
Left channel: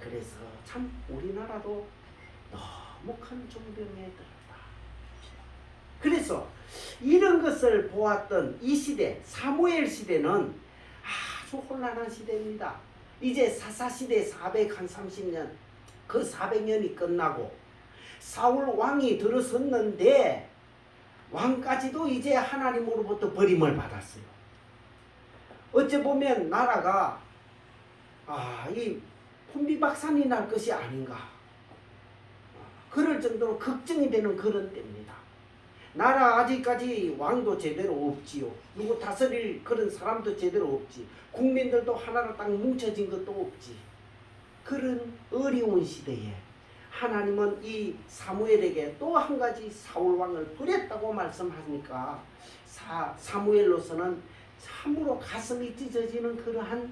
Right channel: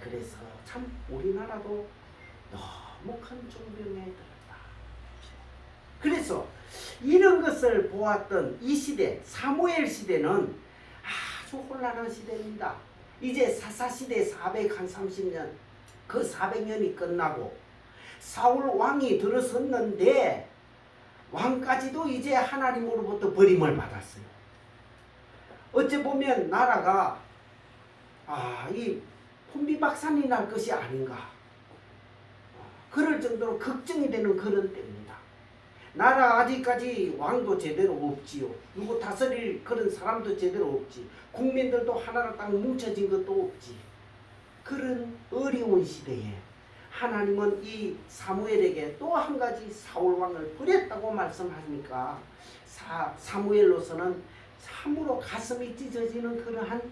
그래서 참 우리나라도 너무 큰 중병에 들었다. 그래서 이런 것을 보았던 이 시대, 사무엘 시대는 아주 혼란한 시대입니다. 이제 사사시대 430년 그 400년이 끝나고 사울 왕이 들어섰는데 왕까지도 이제 하나님으로부터 버림을 받았어요. 어찌 보면 나라가 이 혼비박산이 날 것이 아닌가 그럴 정도로 걱정이 되는 그런 때입니다. 나라 아직까지 왕도 제대로 없지요. 누구 다스릴 그런 사람도 제대로 없지. 국민들도 하나로 딱 뭉쳐진 것도 없지. 그런 어려운 시대에 하나님은 이 사무엘에게 또 한 가지 사울 왕을 버렸다고 말씀하니까 사무엘로서는 참으로 가슴이 찢어지는 그러한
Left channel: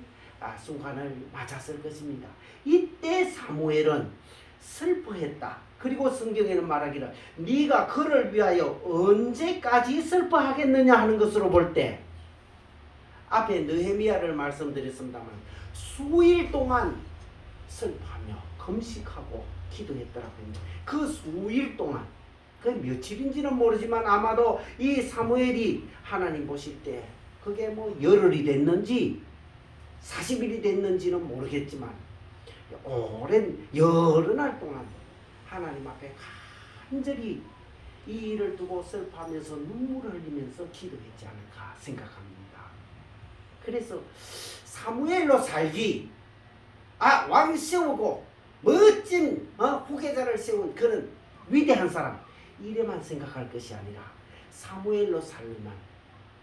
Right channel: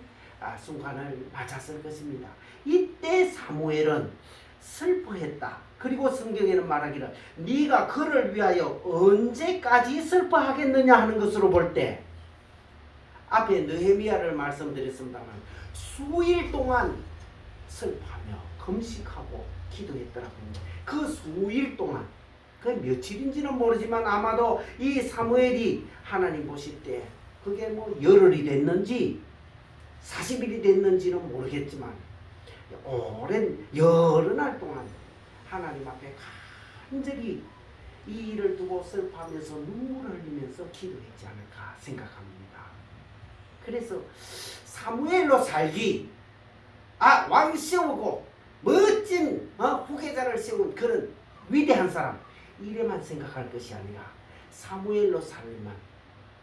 순간을 맞았을 것입니다. 이때 사무엘은 슬퍼했다. 그리고 성경에는 말하기를 네가 그를 위하여 언제까지 슬퍼하겠느냐 하는 것으로 볼 때 앞에 느헤미야를 말씀드렸습니다만 수일 동안 슬퍼하며 금식하고 기도했더라고요. 그 수일 동안 그 며칠인지는 모르지만 아마도 이 사무엘이 하나님 보실 때 그게 뭐 열흘이 됐는지 40일이 됐는지는 모르겠지만 오랜 여러 날 동안 하나님 앞에 간절히 이 일을 두고 슬퍼하면서 눈물을 흘리면서 기도했지 않을까 생각합니다. 그래서 사무엘로 살기 왕 세우고 멋진 후계자를 세운 그런 위대한 사람 이래만 생각할 것이 아니라 사무엘로 살면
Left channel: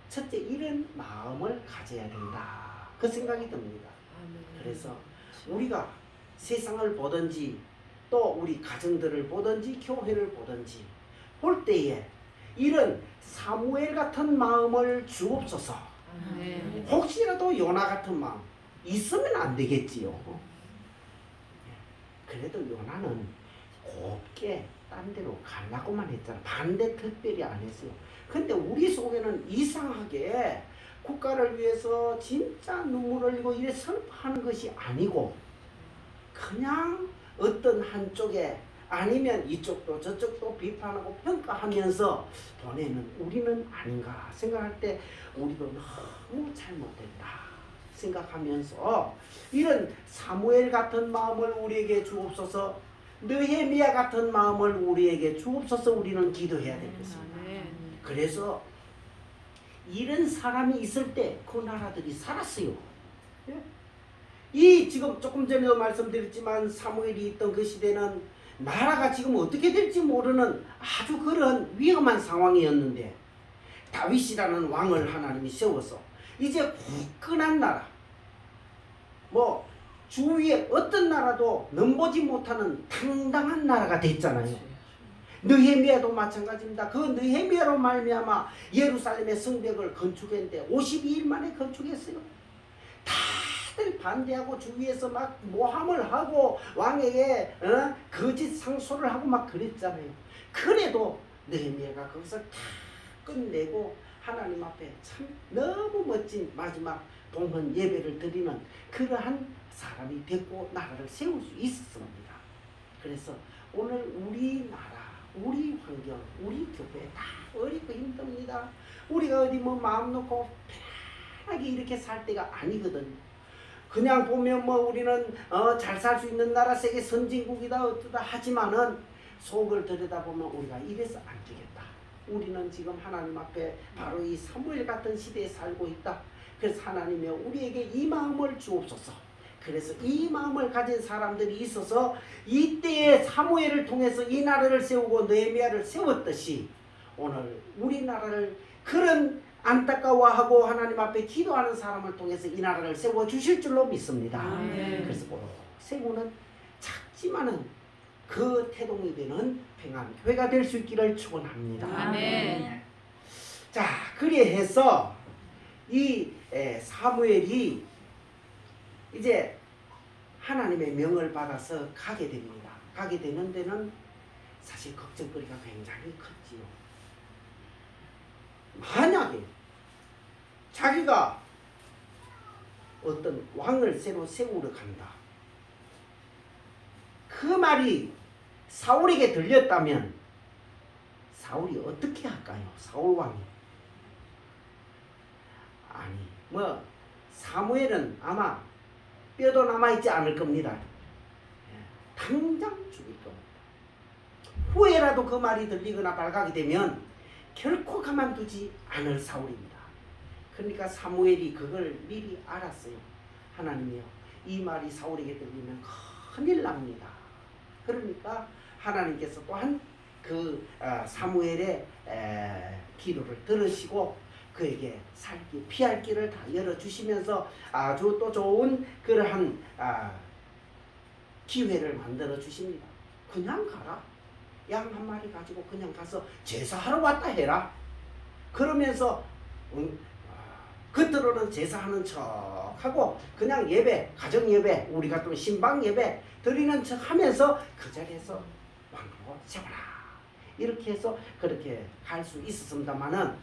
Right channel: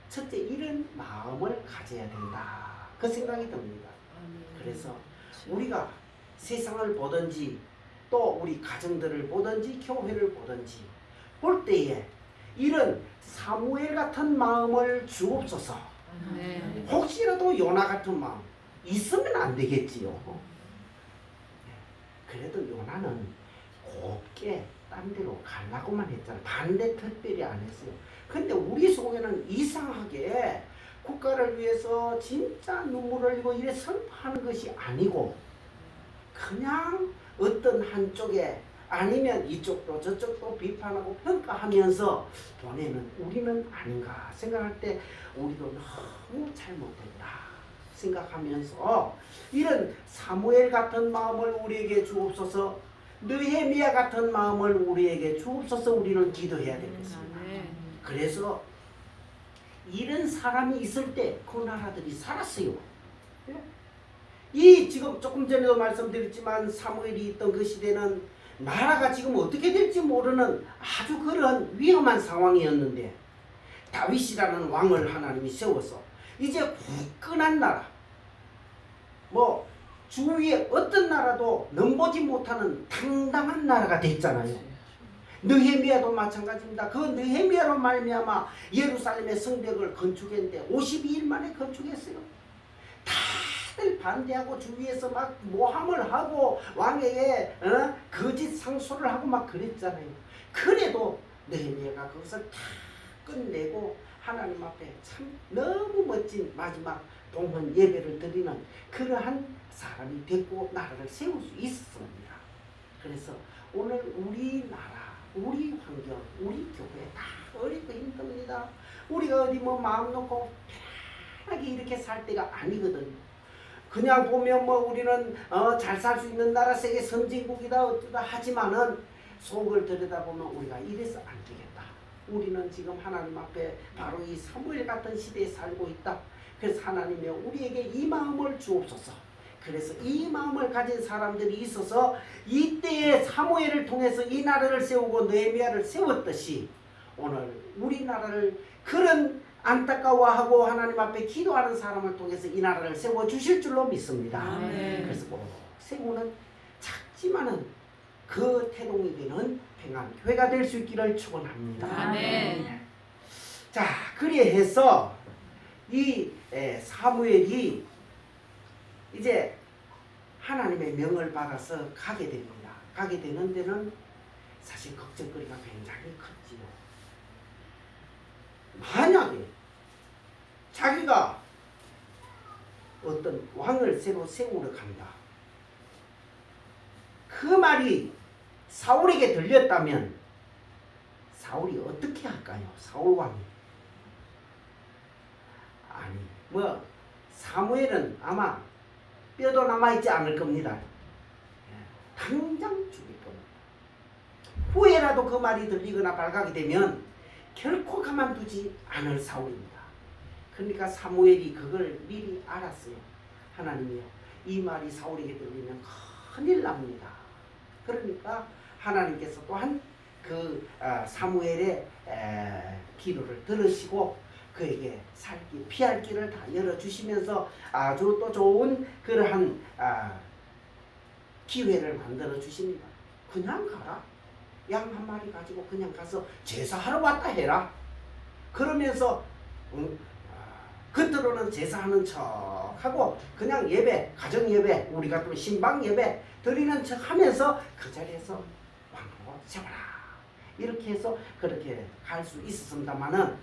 첫째 이런 마음을 가져야 된다 그 생각이 듭니다. 그래서 우리가 세상을 보든지 또 우리 가정들을 보든지 교회를 보든지 볼 때에 이런 사무엘 같은 마음을 주옵소서. 혹시라도 요나 같은 마음 있으면 안 되겠지요. 그래도 요나는 곱게 딴 데로 가려고만 했잖아. 반대 특별히 안 했어요. 근데 우리 속에는 이상하게 국가를 위해서 진짜 눈물을 흘리고 이래 슬퍼하는 것이 아니고 그냥 어떤 한쪽에 아니면 이쪽도 저쪽도 비판하고 평가하면서 보내는 우리는 아닌가 생각할 때 우리도 너무 잘못했다 생각하면서 이런 사무엘 같은 마음을 우리에게 주옵소서 느헤미야 같은 마음을 우리에게 주옵소서 우리는 기도해야 되겠습니다. 그래서 이런 사람이 있을 때 그 나라들이 살았어요. 이 지금 조금 전에도 말씀드렸지만 사무엘이 있던 그 시대는 나라가 지금 어떻게 될지 모르는 아주 그런 위험한 상황이었는데 다윗이라는 왕을 하나님이 세워서 이제 굳건한 나라 뭐 주위에 어떤 나라도 넘보지 못하는 당당한 나라가 됐잖아요. 느헤미야도 마찬가지입니다. 그 느헤미야로 말미암아 예루살렘의 성벽을 건축했는데 52일 만에 건축했어요. 다들 반대하고 주위에서 막 모함을 하고 왕에게 거짓 상소를 하고 막 그랬잖아요. 그래도 느헤미야가 거기서 다 끝내고 하나님 앞에 참 너무 멋진 마지막 봉헌 예배를 드리는 그러한 사람이 됐고 나라를 세울 수 있었습니다. 그래서 오늘 우리나라 우리 환경, 우리 교회 다 어렵고 힘듭니다. 우리가 어디 뭐 마음 놓고 편하게 이렇게 살 때가 아니거든요. 그냥 보면 뭐 우리는 잘 살 수 있는 나라 세계 선진국이다 어쩌다 하지만은 속을 들여다보면 우리가 이래서 안 되겠다. 우리는 지금 하나님 앞에 바로 이 사무엘 같은 시대에 살고 있다. 그래서 하나님이 우리에게 이 마음을 주옵소서. 그래서 이 마음을 가진 사람들이 있어서 이때의 사무엘을 통해서 이 나라를 세우고 느헤미야를 세웠듯이 오늘 우리나라를 그런 안타까워하고 하나님 앞에 기도하는 사람을 통해서 이 나라를 세워주실 줄로 믿습니다. 그래서 세우는 작지만은 그 태동이 되는 평안교회가 될 수 있기를 축원합니다. 아멘. 자, 그리해서 이 사무엘이 이제 하나님의 명을 받아서 가게 됩니다. 가게 되는 데는 사실 걱정거리가 굉장히 컸지요. 만약에 자기가 어떤 왕을 새로 세우러 간다. 그 말이 사울에게 들렸다면 사울이 어떻게 할까요? 사울 왕이. 아니, 뭐 사무엘은 아마 뼈도 남아있지 않을 겁니다. 당장 죽일 겁니다. 후에라도 그 말이 들리거나 발각이 되면 결코 가만두지 않을 사울입니다. 그러니까 사무엘이 그걸 미리 알았어요. 하나님이요, 이 말이 사울에게 들리면 큰일 납니다. 그러니까 하나님께서 또한 그 사무엘의 기도를 들으시고 그에게 살기 피할 길을 다 열어주시면서 아주 또 좋은 그러한 기회를 만들어 주십니다. 그냥 가라. 양 한 마리 가지고 그냥 가서 제사하러 왔다 해라. 그러면서 겉으로는 제사하는 척하고 그냥 예배, 가정 예배, 우리 같은 신방 예배 드리는 척하면서 그 자리에서 왕하고 세워라. 이렇게 해서 그렇게 갈 수 있었습니다만은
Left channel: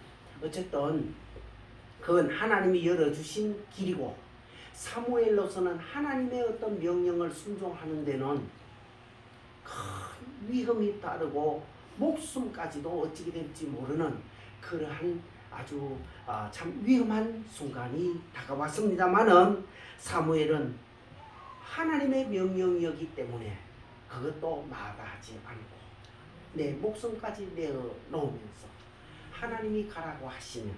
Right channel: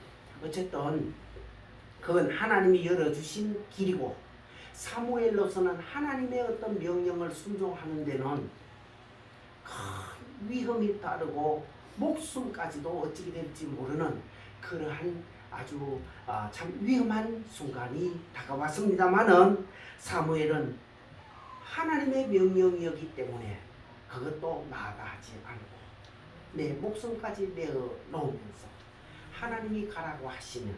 어쨌든 그건 하나님이 열어주신 길이고 사무엘로서는 하나님의 어떤 명령을 순종하는 데는 큰 위험이 따르고 목숨까지도 어찌게 될지 모르는 그러한 아주 참 위험한 순간이 다가왔습니다마는 사무엘은 하나님의 명령이었기 때문에 그것도 나아가지 않고 내 목숨까지 내어 놓으면서 하나님이 가라고 하시면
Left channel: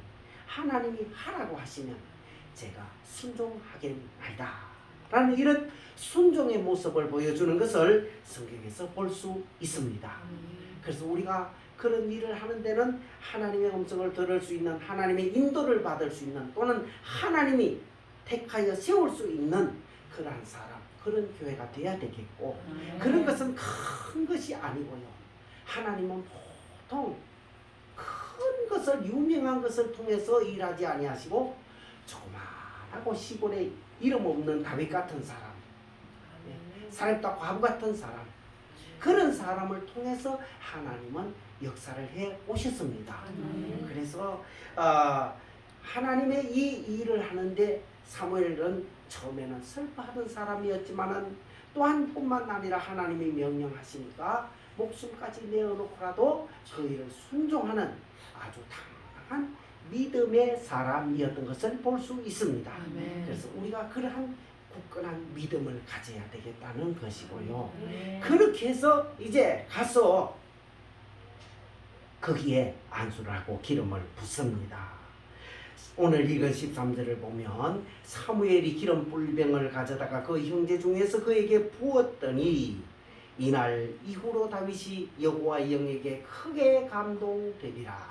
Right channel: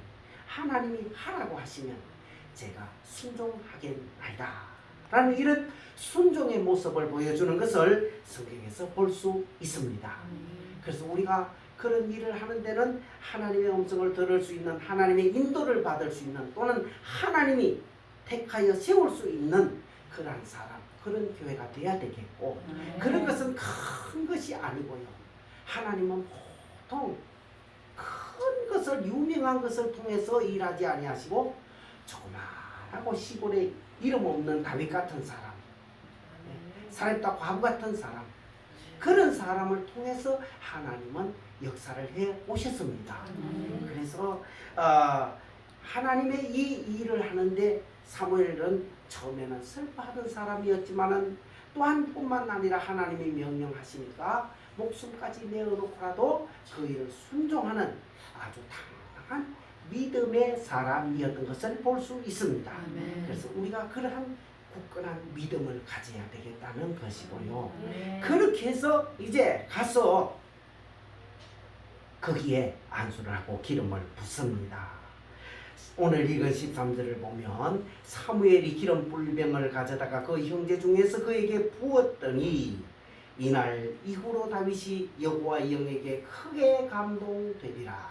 하나님이 하라고 하시면 제가 순종하겠나이다 라는 이런 순종의 모습을 보여주는 것을 성경에서 볼 수 있습니다. 그래서 우리가 그런 일을 하는 데는 하나님의 음성을 들을 수 있는 하나님의 인도를 받을 수 있는 또는 하나님이 택하여 세울 수 있는 그러한 사람 그런 교회가 돼야 되겠고 그런 것은 큰 것이 아니고요. 하나님은 보통 큰 것을 유명한 것을 통해서 일하지 아니하시고 조그만하고 시골에 이름 없는 다윗 같은 사람 사렙과 과부 같은 사람 그런 사람을 통해서 하나님은 역사를 해 오셨습니다. 그래서 하나님의 이 일을 하는데 사무엘은 처음에는 슬퍼하던 사람이었지만은 또한 뿐만 아니라 하나님이 명령하시니까 목숨까지 내어놓고라도 그 일을 순종하는 아주 당당한 믿음의 사람이었던 것을 볼 수 있습니다. 그래서 우리가 그러한 굳건한 믿음을 가져야 되겠다는 것이고요. 그렇게 해서 이제 가서 거기에 안수를 하고 기름을 붓습니다. 오늘 읽은 13절을 보면 사무엘이 기름 불병을 가져다가 그 형제 중에서 그에게 부었더니 이날 이후로 다윗이 여호와의 영에게 크게 감동되리라.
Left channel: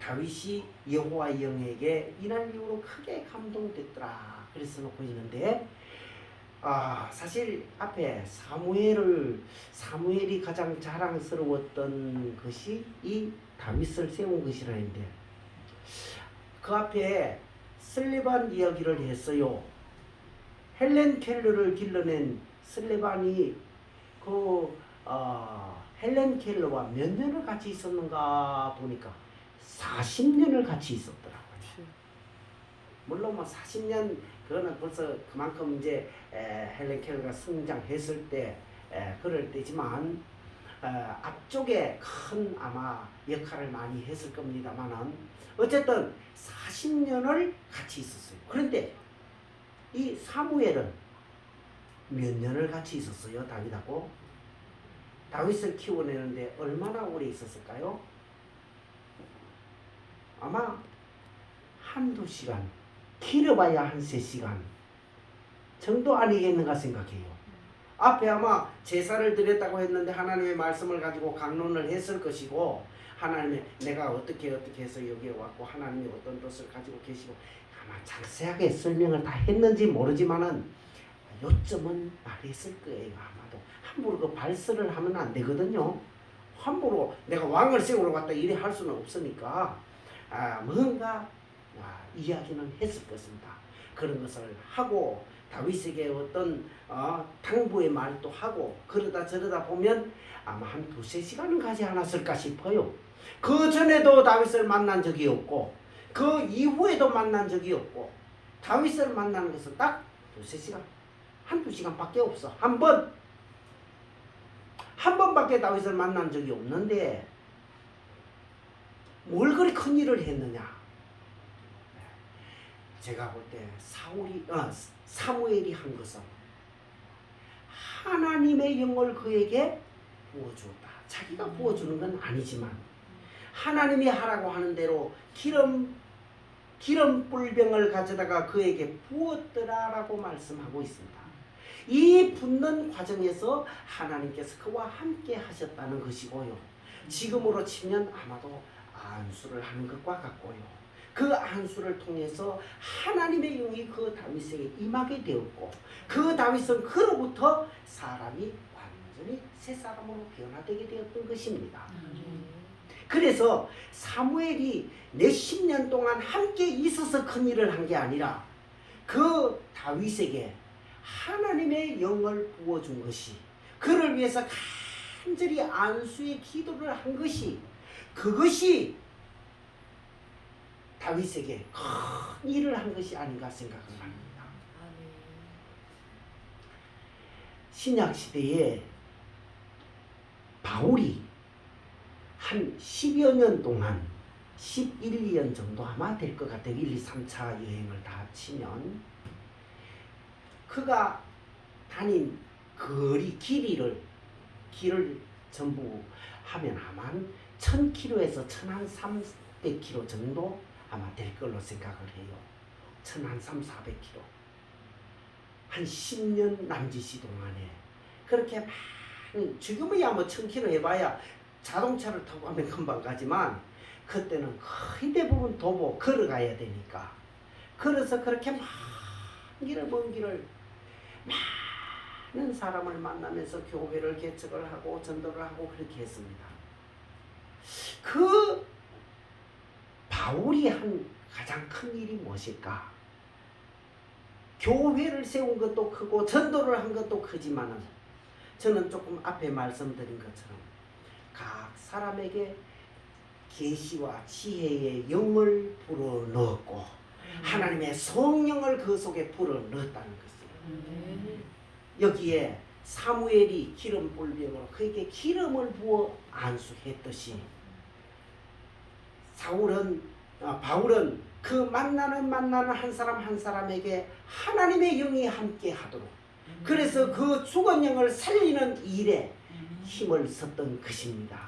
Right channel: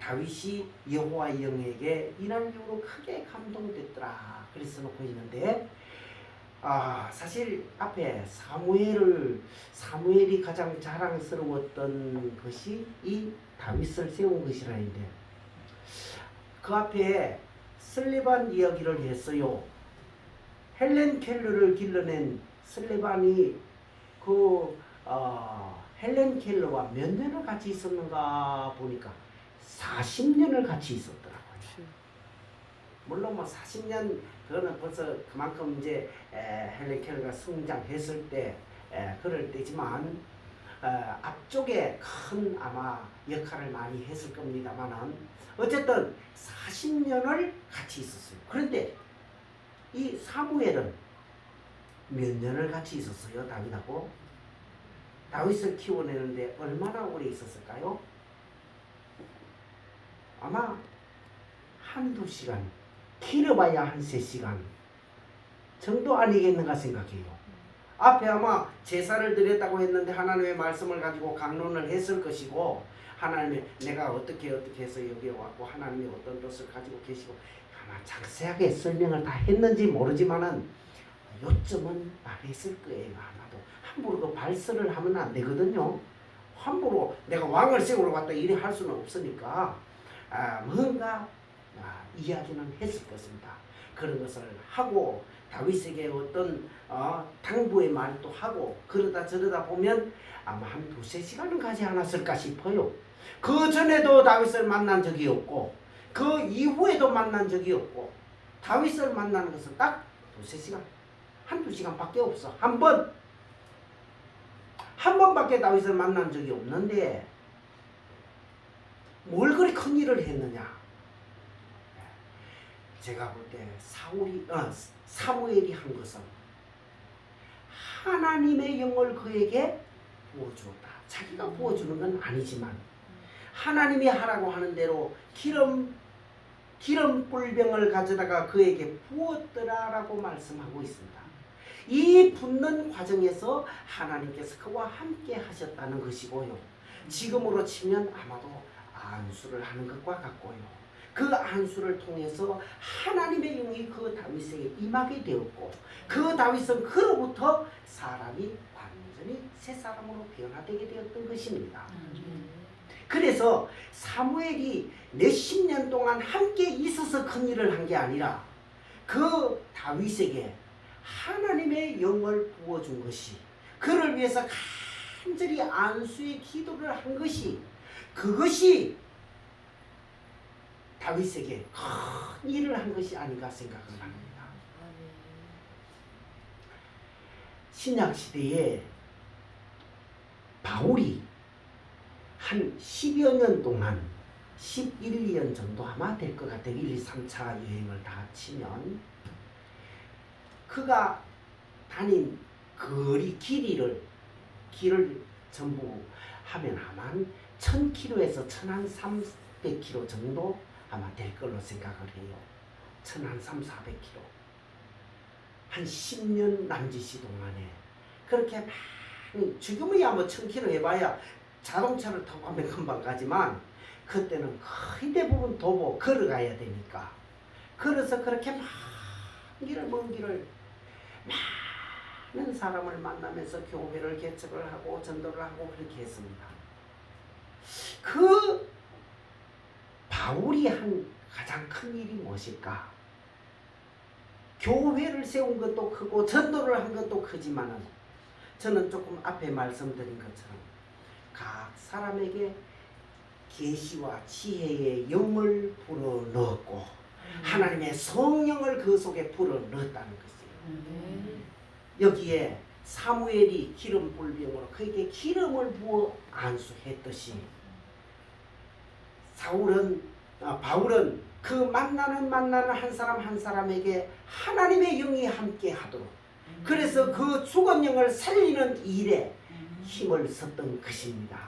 다윗이 여호와의 영에게 이날 이후로 크게 감동됐더라. 그래서 놓고 있는데 사실 앞에 사무엘이 가장 자랑스러웠던 것이 이 다윗을 세운 것이라는데 그 앞에 슬레반 이야기를 했어요. 헬렌 켈러를 길러낸 슬레반이 헬렌 켈러와 몇 년을 같이 있었는가 보니까 40년을 같이 있었더라고요. 물론 뭐 40년 그거는 벌써 그만큼 이제 헬렌 켈러가 성장했을 때 그럴 때지만 앞쪽에 큰 아마 역할을 많이 했을 겁니다만은 어쨌든 40년을 같이 있었어요. 그런데 이 사무엘은 몇 년을 같이 있었어요? 다윗하고 다윗을 키워내는데 얼마나 오래 있었을까요? 아마 한두 시간 길어봐야 한 3시간 정도 아니겠는가 생각해요. 앞에 아마 제사를 드렸다고 했는데 하나님의 말씀을 가지고 강론을 했을 것이고 하나님의 내가 어떻게 해서 여기에 왔고 하나님이 어떤 뜻을 가지고 계시고 아마 자세하게 설명을 다 했는지 모르지만은 요점은 말했을 거예요. 아마도 함부로 그 발설을 하면 안 되거든요. 함부로 내가 왕을 세우러 왔다 이래 할 수는 없으니까 뭔가 이야기는 했을 것입니다. 그런 것을 하고 다윗에게 어떤 당부의 말도 하고 그러다 저러다 보면 아마 한 2-3시간은 가지 않았을까 싶어요. 그 전에도 다윗을 만난 적이 없고 그 이후에도 만난 적이 없고 다윗을 만나는 것은 딱 2-3시간 한두 시간밖에 없어. 한 번밖에 다윗을 만난 적이 없는데 뭘 그리 큰 일을 했느냐. 제가 볼 때 사무엘이 한 것은 하나님의 영을 그에게 부어주었다. 자기가 부어주는 건 아니지만 하나님이 하라고 하는 대로 기름 뿔병을 가져다가 그에게 부었더라라고 말씀하고 있습니다. 이 붓는 과정에서 하나님께서 그와 함께 하셨다는 것이고요. 지금으로 치면 아마도 안수를 하는 것과 같고요. 그 안수를 통해서 하나님의 영이 그 다윗에게 임하게 되었고 그 다윗은 그로부터 사람이 완전히 새 사람으로 변화되게 되었던 것입니다. 그래서 사무엘이 몇십 년 동안 함께 있어서 큰 일을 한 게 아니라 그 다윗에게 하나님의 영을 부어준 것이 그를 위해서 간절히 안수의 기도를 한 것이 그것이 다윗에게 큰 일을 한 것이 아닌가 생각을 합니다. 신약시대에 바울이 한 10여 년 동안 11, 2년 정도 아마 될 것 같아요. 1, 2, 3차 여행을 다 합치면 그가 다닌 길을 전부 하면 아마 1000km에서 1300km 정도 아마 될 걸로 생각을 해요. 1300-400km 한 10년 남짓이 동안에 그렇게 많이 지금이야 뭐 1000km 해봐야 자동차를 타고 하면 금방 가지만 그때는 거의 대부분 도보 걸어가야 되니까 그래서 그렇게 먼 길을 많은 사람을 만나면서 교회를 개척을 하고 전도를 하고 그렇게 했습니다. 그 바울이 한 가장 큰 일이 무엇일까? 교회를 세운 것도 크고 전도를 한 것도 크지만은 저는 조금 앞에 말씀드린 것처럼 각 사람에게 계시와 지혜의 영을 불어넣었고 하나님의 성령을 그 속에 불어넣었다는 것이에요. 여기에 사무엘이 기름 불병으로 그에게 기름을 부어 안수했듯이 바울은 그 만나는 한 사람 한 사람에게 하나님의 영이 함께 하도록 그래서 그 죽은 영을 살리는 일에 힘을 썼던 것입니다.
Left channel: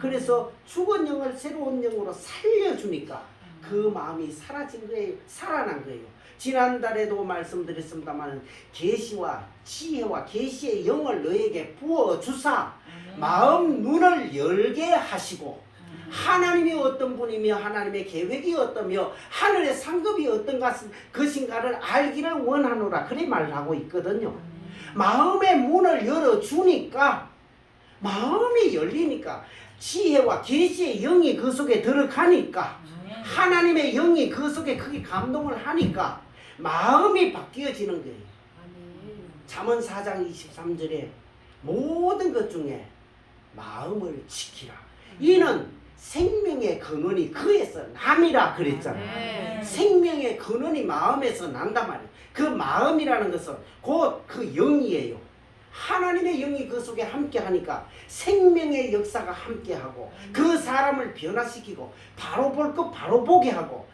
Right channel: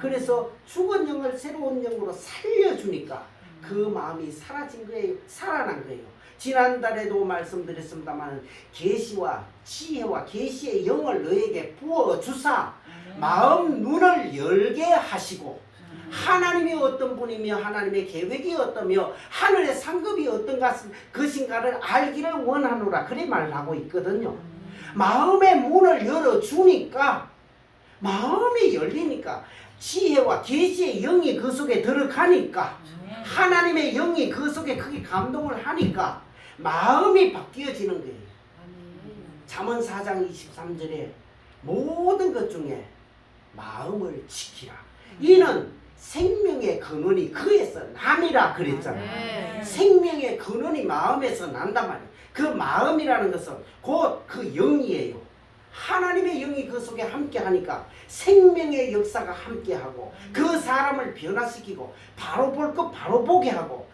그래서 죽은 영을 새로운 영으로 살려주니까 그 마음이 사라진 거예요. 살아난 거예요. 지난달에도 말씀드렸습니다만 계시와 지혜와 계시의 영을 너에게 부어주사 마음 눈을 열게 하시고 하나님이 어떤 분이며 하나님의 계획이 어떠며 하늘의 상급이 어떤 것인가를 알기를 원하노라 그래 말을 하고 있거든요. 마음의 문을 열어주니까 마음이 열리니까 지혜와 계시의 영이 그 속에 들어가니까 하나님의 영이 그 속에 크게 감동을 하니까 마음이 바뀌어지는 거예요. 잠언 4장 23절에 모든 것 중에 마음을 지키라. 이는 생명의 근원이 그에서 남이라 그랬잖아요. 생명의 근원이 마음에서 난단 말이에요. 그 마음이라는 것은 곧 그 영이에요. 하나님의 영이 그 속에 함께 하니까 생명의 역사가 함께 하고 그 사람을 변화시키고 바로 볼 것 바로 보게 하고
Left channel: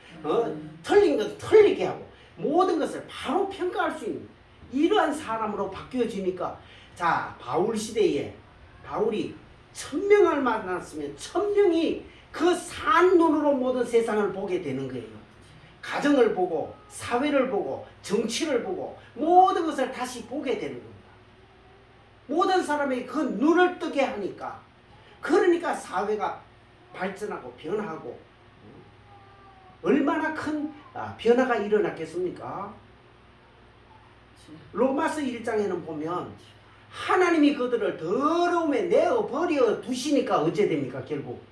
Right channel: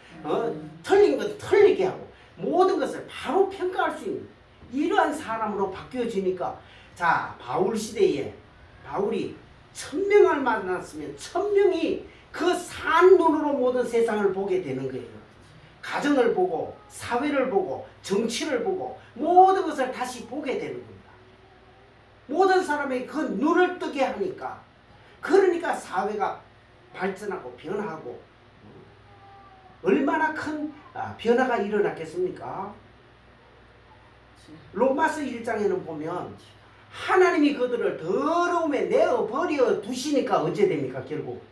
틀린 것 틀리게 하고 모든 것을 바로 평가할 수 있는 이러한 사람으로 바뀌어지니까 자 바울 시대에 바울이 1000명을 만났으면 1000명이 그 산 눈으로 모든 세상을 보게 되는 거예요. 가정을 보고 사회를 보고 정치를 보고 모든 것을 다시 보게 되는 겁니다. 모든 사람이 그 눈을 뜨게 하니까 그러니까 사회가 발전하고 변하고 얼마나 큰 변화가 일어났겠습니까? 로마서 1장에는 보면 하나님이 그들을 더러움에 내어버려 두시니까 어째 됩니까? 결국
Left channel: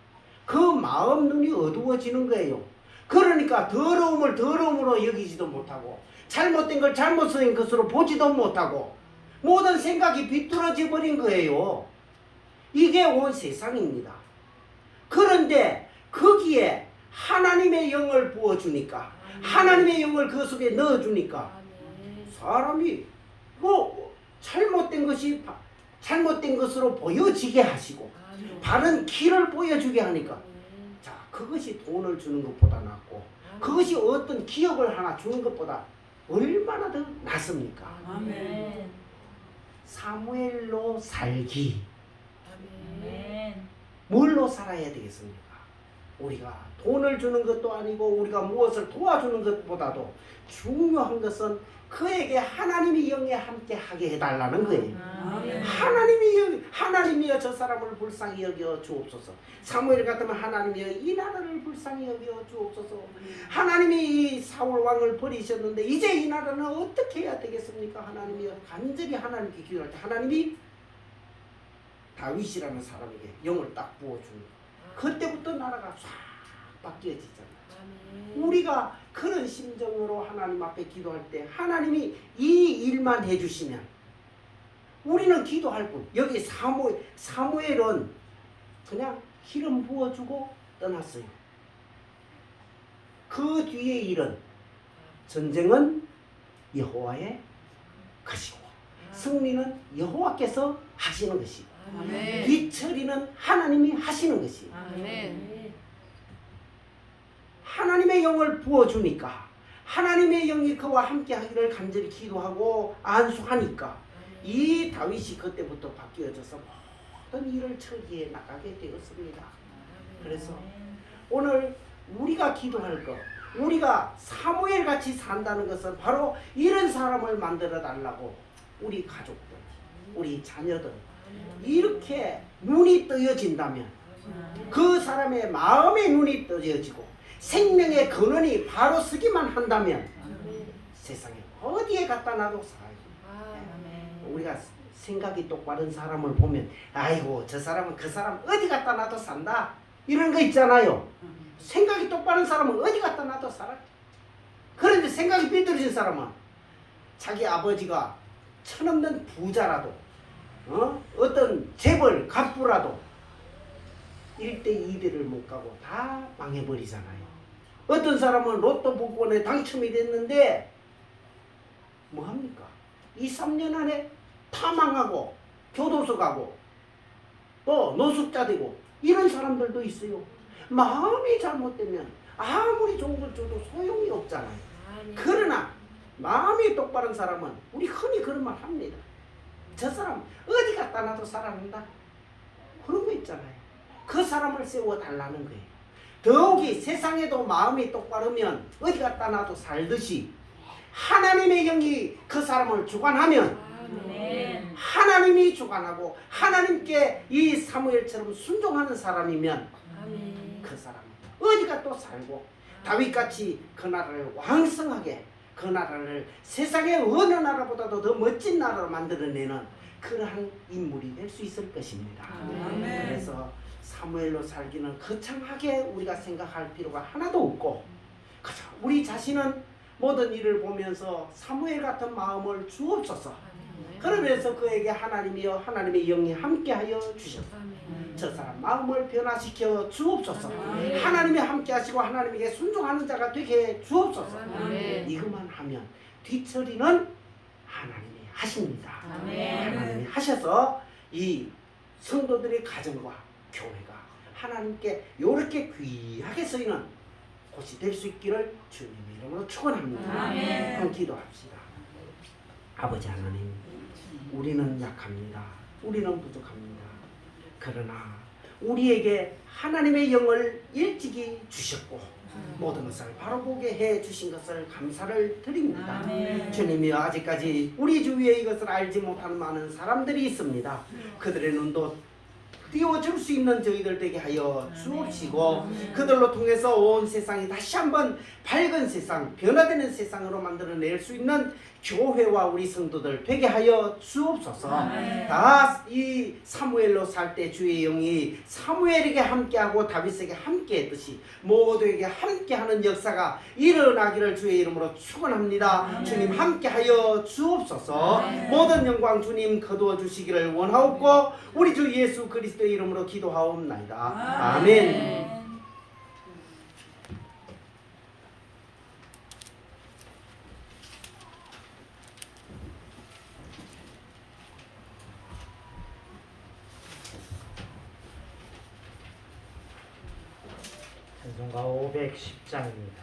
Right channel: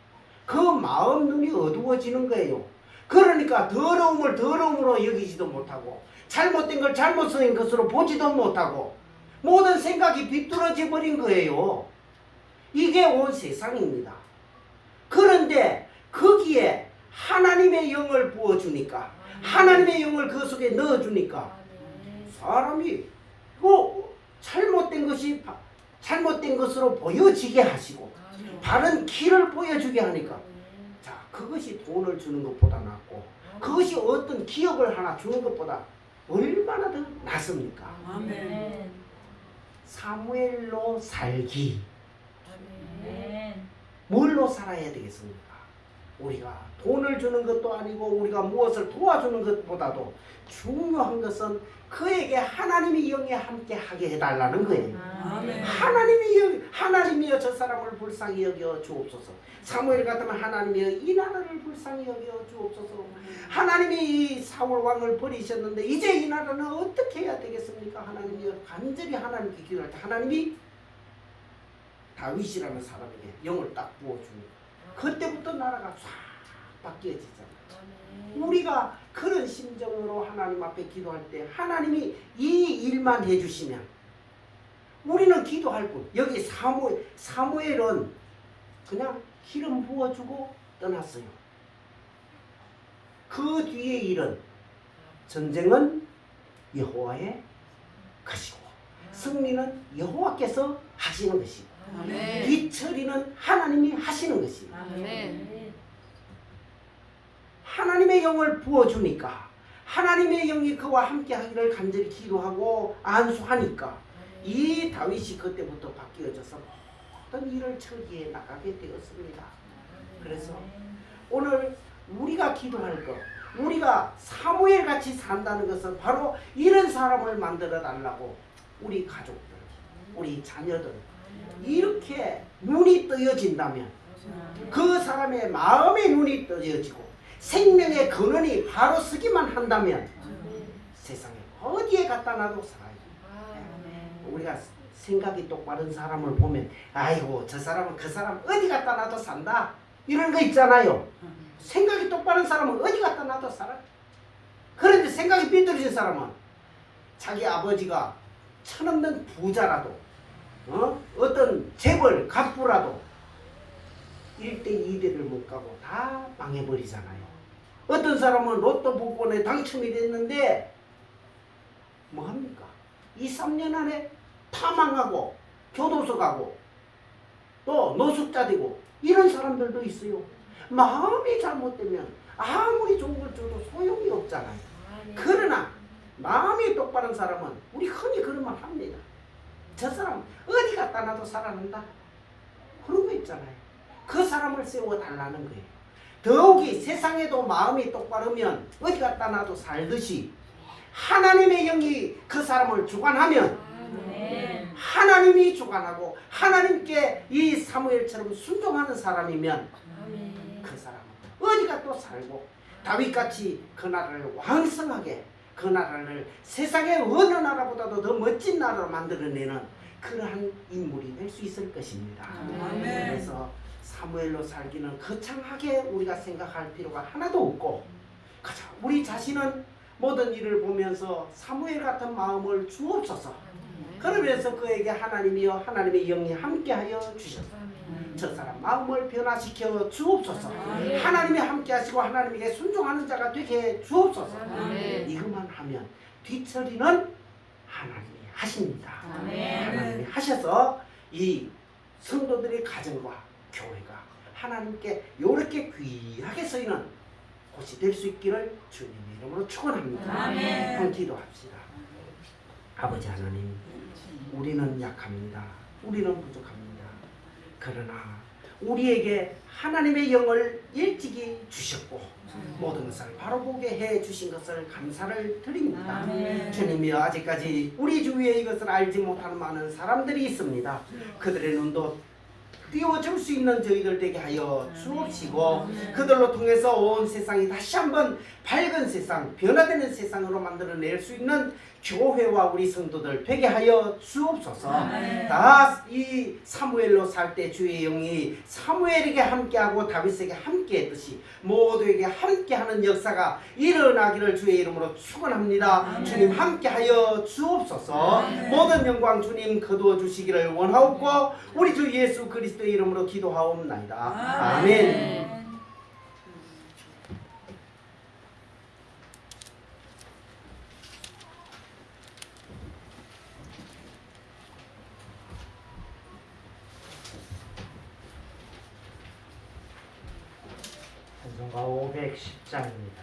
그 마음 눈이 어두워지는 거예요. 그러니까 더러움을 더러움으로 여기지도 못하고 잘못된 걸 잘못된 것으로 보지도 못하고 모든 생각이 비뚤어져 버린 거예요. 이게 온 세상입니다. 그런데 거기에 하나님의 영을 부어주니까 하나님의 영을 그 속에 넣어주니까 사람이 잘못된 것이 잘못된 것으로 보여지게 하시고 바른 길을 보여주게 하니까 자 그것이 돈을 주는 것보다 낫고 그것이 어떤 기업을 하나 주는 것보다 얼마나 더 낫습니까? 아멘. 사무엘로 살기. 아멘. 뭘로 살아야 되겠습니까? 우리가 돈을 주는 것도 아니고 우리가 무엇을 도와주는 것보다도 중요한 것은 그에게 하나님이 영에 함께 하게 해달라는 거예요. 아멘. 하나님이여 저 사람을 불쌍히 여겨 주옵소서. 사무엘 같으면 하나님이여 이 나라를 불쌍히 여겨 주옵소서. 하나님이 이 사울 왕을 버리셨는데 이제 이 나라는 어떻게 해야 되겠습니까? 하나님이여 간절히 하나님께 기도할 때 하나님이 다윗이라는 사람에게 영을 딱 부어줍니다. 그때부터 나라가 쫙 바뀌어지잖아요. 우리가 그런 심정으로 하나님 앞에 기도할 때 하나님이 이 일만 해주시면 우리는 기도할 뿐. 여기 사무엘은 그냥 기름 부어주고 떠났어요. 그 뒤에 일은 전쟁은 여호와의 것이고 승리는 여호와께서 하시는 것이고 아멘. 뒤처리는 하나님이 하시는 것이에요. 아멘. 하나님의 영을 부어주니까 하나님의 영이 그와 함께 하기를 간절히 기도하고 안수하니까 이 다윗이 그때부터 바뀌어져서 모든 일을 처리해 나가게 되었습니다. 그래서 오늘 우리가 기도할 것, 우리가 사무엘 같이 산다는 것은 바로 이런 사람을 만들어 달라고 우리 가족들, 우리 자녀들 이렇게 눈이 뜨여진다면 그 사람의 마음의 눈이 뜨여지고 생명의 근원이 바로 서기만 한다면 세상에 어디에 갖다 놔도 살아요. 우리가 생각이 똑바른 사람을 보면 아이고 저 사람은 그 사람 어디 갖다 놔도 산다 이런 거 있잖아요. 생각이 똑바른 사람은 어디 갖다 놔도 살아요. 그런데 생각이 삐뚤어진 사람은 자기 아버지가 천없는 부자라도 어떤 재벌 갑부라도 1대 2대를 못 가고 다 망해버리잖아요. 어떤 사람은 로또 복권에 당첨이 됐는데 뭐합니까? 2, 3년 안에 다 망하고 교도소 가고 또 노숙자 되고 이런 사람들도 있어요. 마음이 잘못되면 아무리 좋은 걸 줘도 소용이 없잖아요. 그러나 마음이 똑바른 사람은 우리 흔히 그런 말 합니다. 저 사람 어디 갖다 놔도 살아난다. 그런 거 있잖아요. 그 사람을 세워달라는 거예요. 더욱이 세상에도 마음이 똑바르면 어디 갖다 놔도 살듯이 하나님의 영이 그 사람을 주관하면 아멘. 하나님이 주관하고 하나님께 이 사무엘처럼 순종하는 사람이면 그 사람은 어디가 또 살고 다윗같이 그 나라를 왕성하게 그 나라를 세상의 어느 나라보다도 더 멋진 나라로 만들어내는 그러한 인물이 될 수 있을 것입니다. 아멘. 그래서 사무엘로 살기는 거창하게 우리가 생각할 필요가 하나도 없고 그저 우리 자신은 모든 일을 보면서 사무엘 같은 마음을 주옵소서. 그러면서 그에게 하나님이여 하나님의 영이 함께하여 주셔서 저 사람 마음을 변화시켜 주옵소서. 아멘. 하나님이 함께하시고 하나님에게 순종하는 자가 되게 주옵소서. 아멘. 이것만 하면 뒤처리는 하나님이 하십니다. 아멘. 하나님이 하셔서 이 성도들의 가정과 교회가 하나님께 이렇게 귀하게 쓰이는 곳이 될 수 있기를 주님의 이름으로 축원합니다. 아멘. 한번 기도합시다. 아버지 하나님, 우리는 약합니다. 우리는 부족합니다. 그러나 우리에게 하나님의 영을 일찍이 주셨고 모든 것을 바로 보게 해 주신 것을 감사를 드립니다. 아멘. 주님이 아직까지 우리 주위에 이것을 알지 못하는 많은 사람들이 있습니다. 그들의 눈도 띄워줄 수 있는 저희들 되게 하여 주옵시고 그들로 통해서 온 세상이 다시 한번 밝은 세상, 변화되는 세상으로 만들어낼 수 있는 교회와 우리 성도들 되게 하여 주옵소서. 다 이 사무엘로 살 때 주의 영이 사무엘에게 함께하고 다윗에게 함께했듯이 모두에게 함께하는 역사가 일어나기를 주의 이름으로 축원합니다. 주님 함께하여 주옵소서. 모든 영광 주님 거두어 주시기를 원하옵고 우리 주 예수 그리스도의 이름으로 기도하옵나이다. 아멘. 찬송가 510장입니다.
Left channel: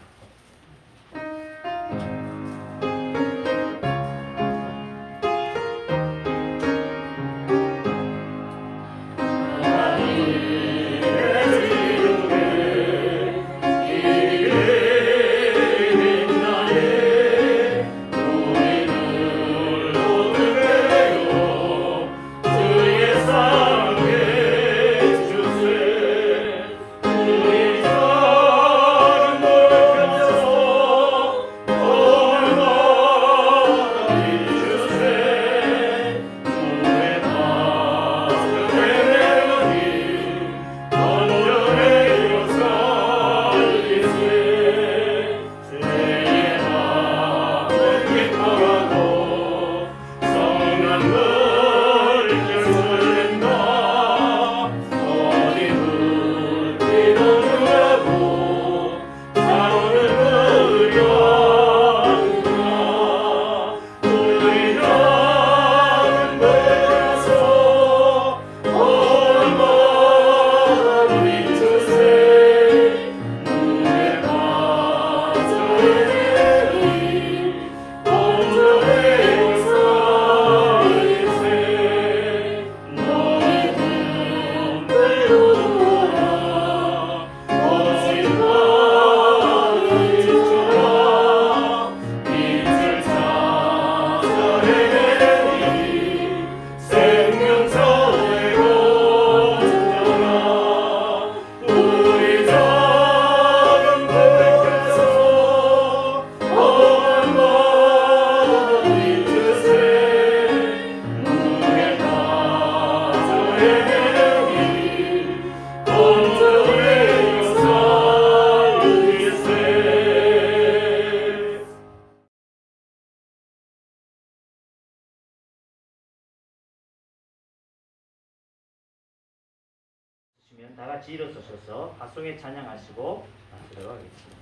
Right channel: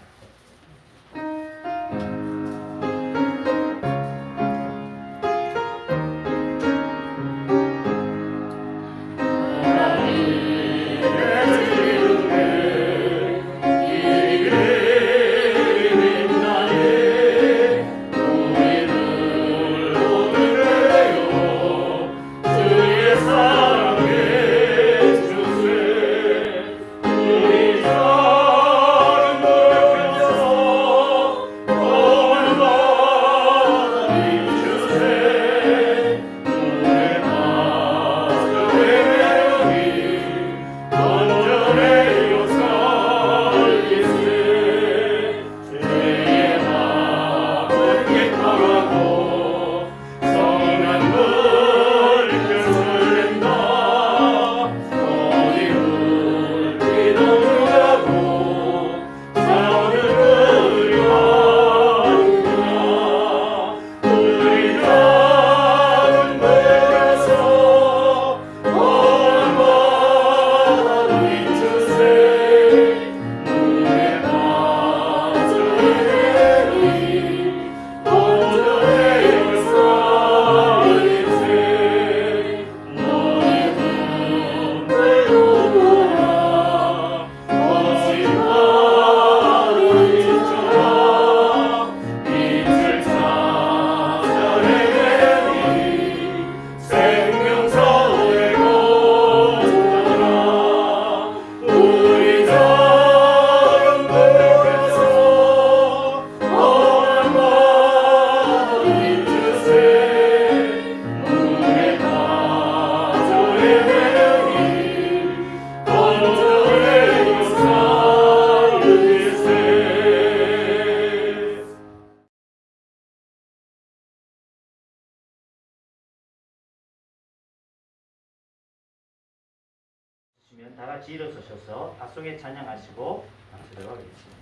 계시면 다 같이 일어서셔서 밭송에 찬양하시고 나서도록 하겠습니다.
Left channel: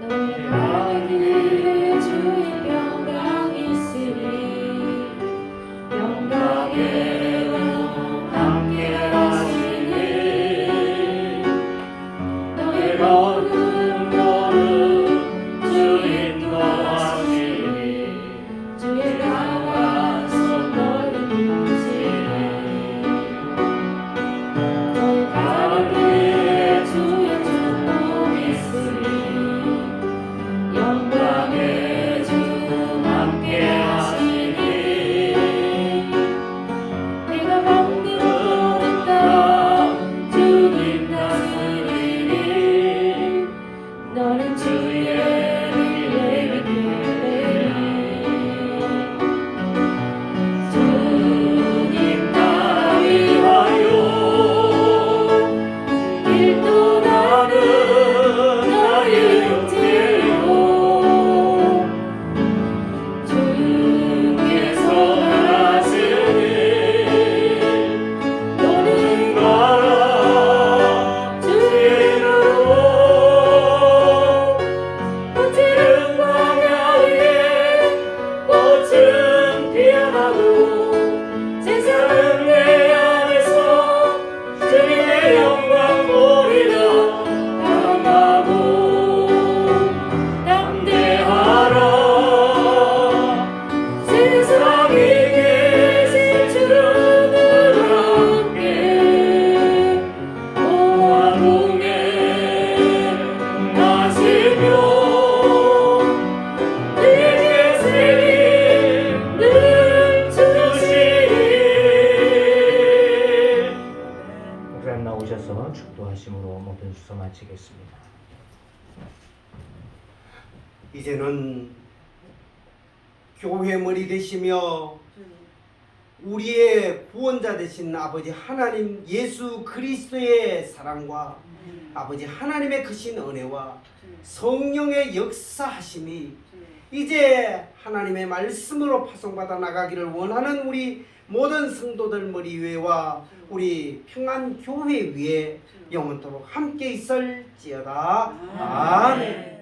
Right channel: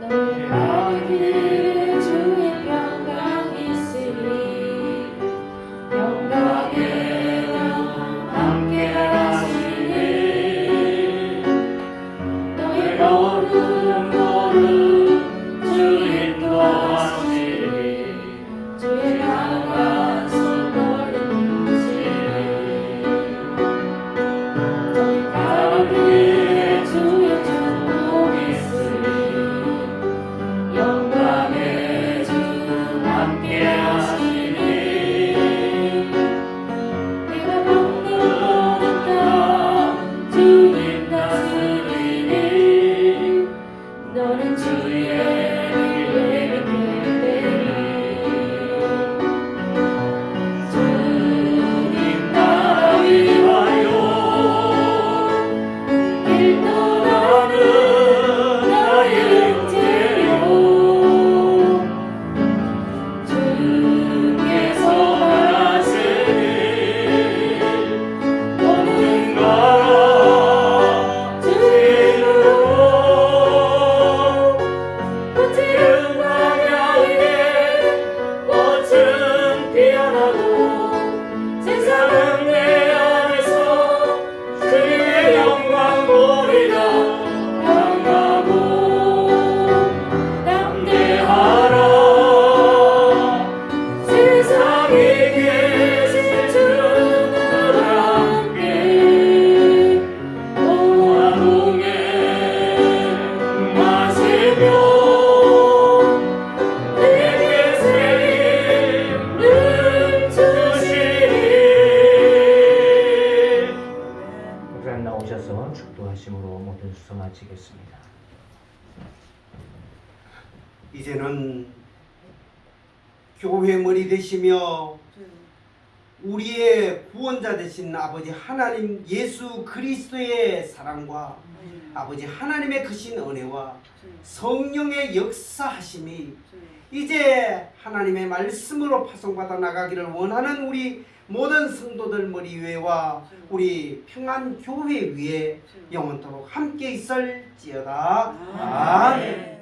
너의 가는 길에 주의 영광 있으니 영광의 영 함께 하시니 너의 걸음 주 인도하시니 주의 강한 손 걸음으시니 너의 가는 길에 주의 축복 있으니 영광의 주 함께 하시니 내가 받는 땅 주님 다스리니 너는 주의 예배를 주님 나라 위하여 길 떠나는 나의 형제여 주께서 말하시니 너는 가라 주의 이름으로 꽃은 광야에 꽃은 피어나고 세상은 내 안에서 주님의 영광 보리라 강하고 담대하라 세상에 계신 주님과 함께 너와 동행하시며 내게 책임을 주시니 목사님 나오셔서 축도하심으로 모든 수서 마치겠습니다. 이제는 교회 머리 되시며 우리의 구원자 되신 아버지 하나님 예수 그리스도의 사랑과 아버지 하나님의 크신 은혜와 성령의 역사하심이 이제 하나님의 말씀으로 파송받아 나가기를 원하는 우리 모든 성도들 머리 위에와 우리 평안교회 위에 영원토록 함께 있을지어다. 아멘.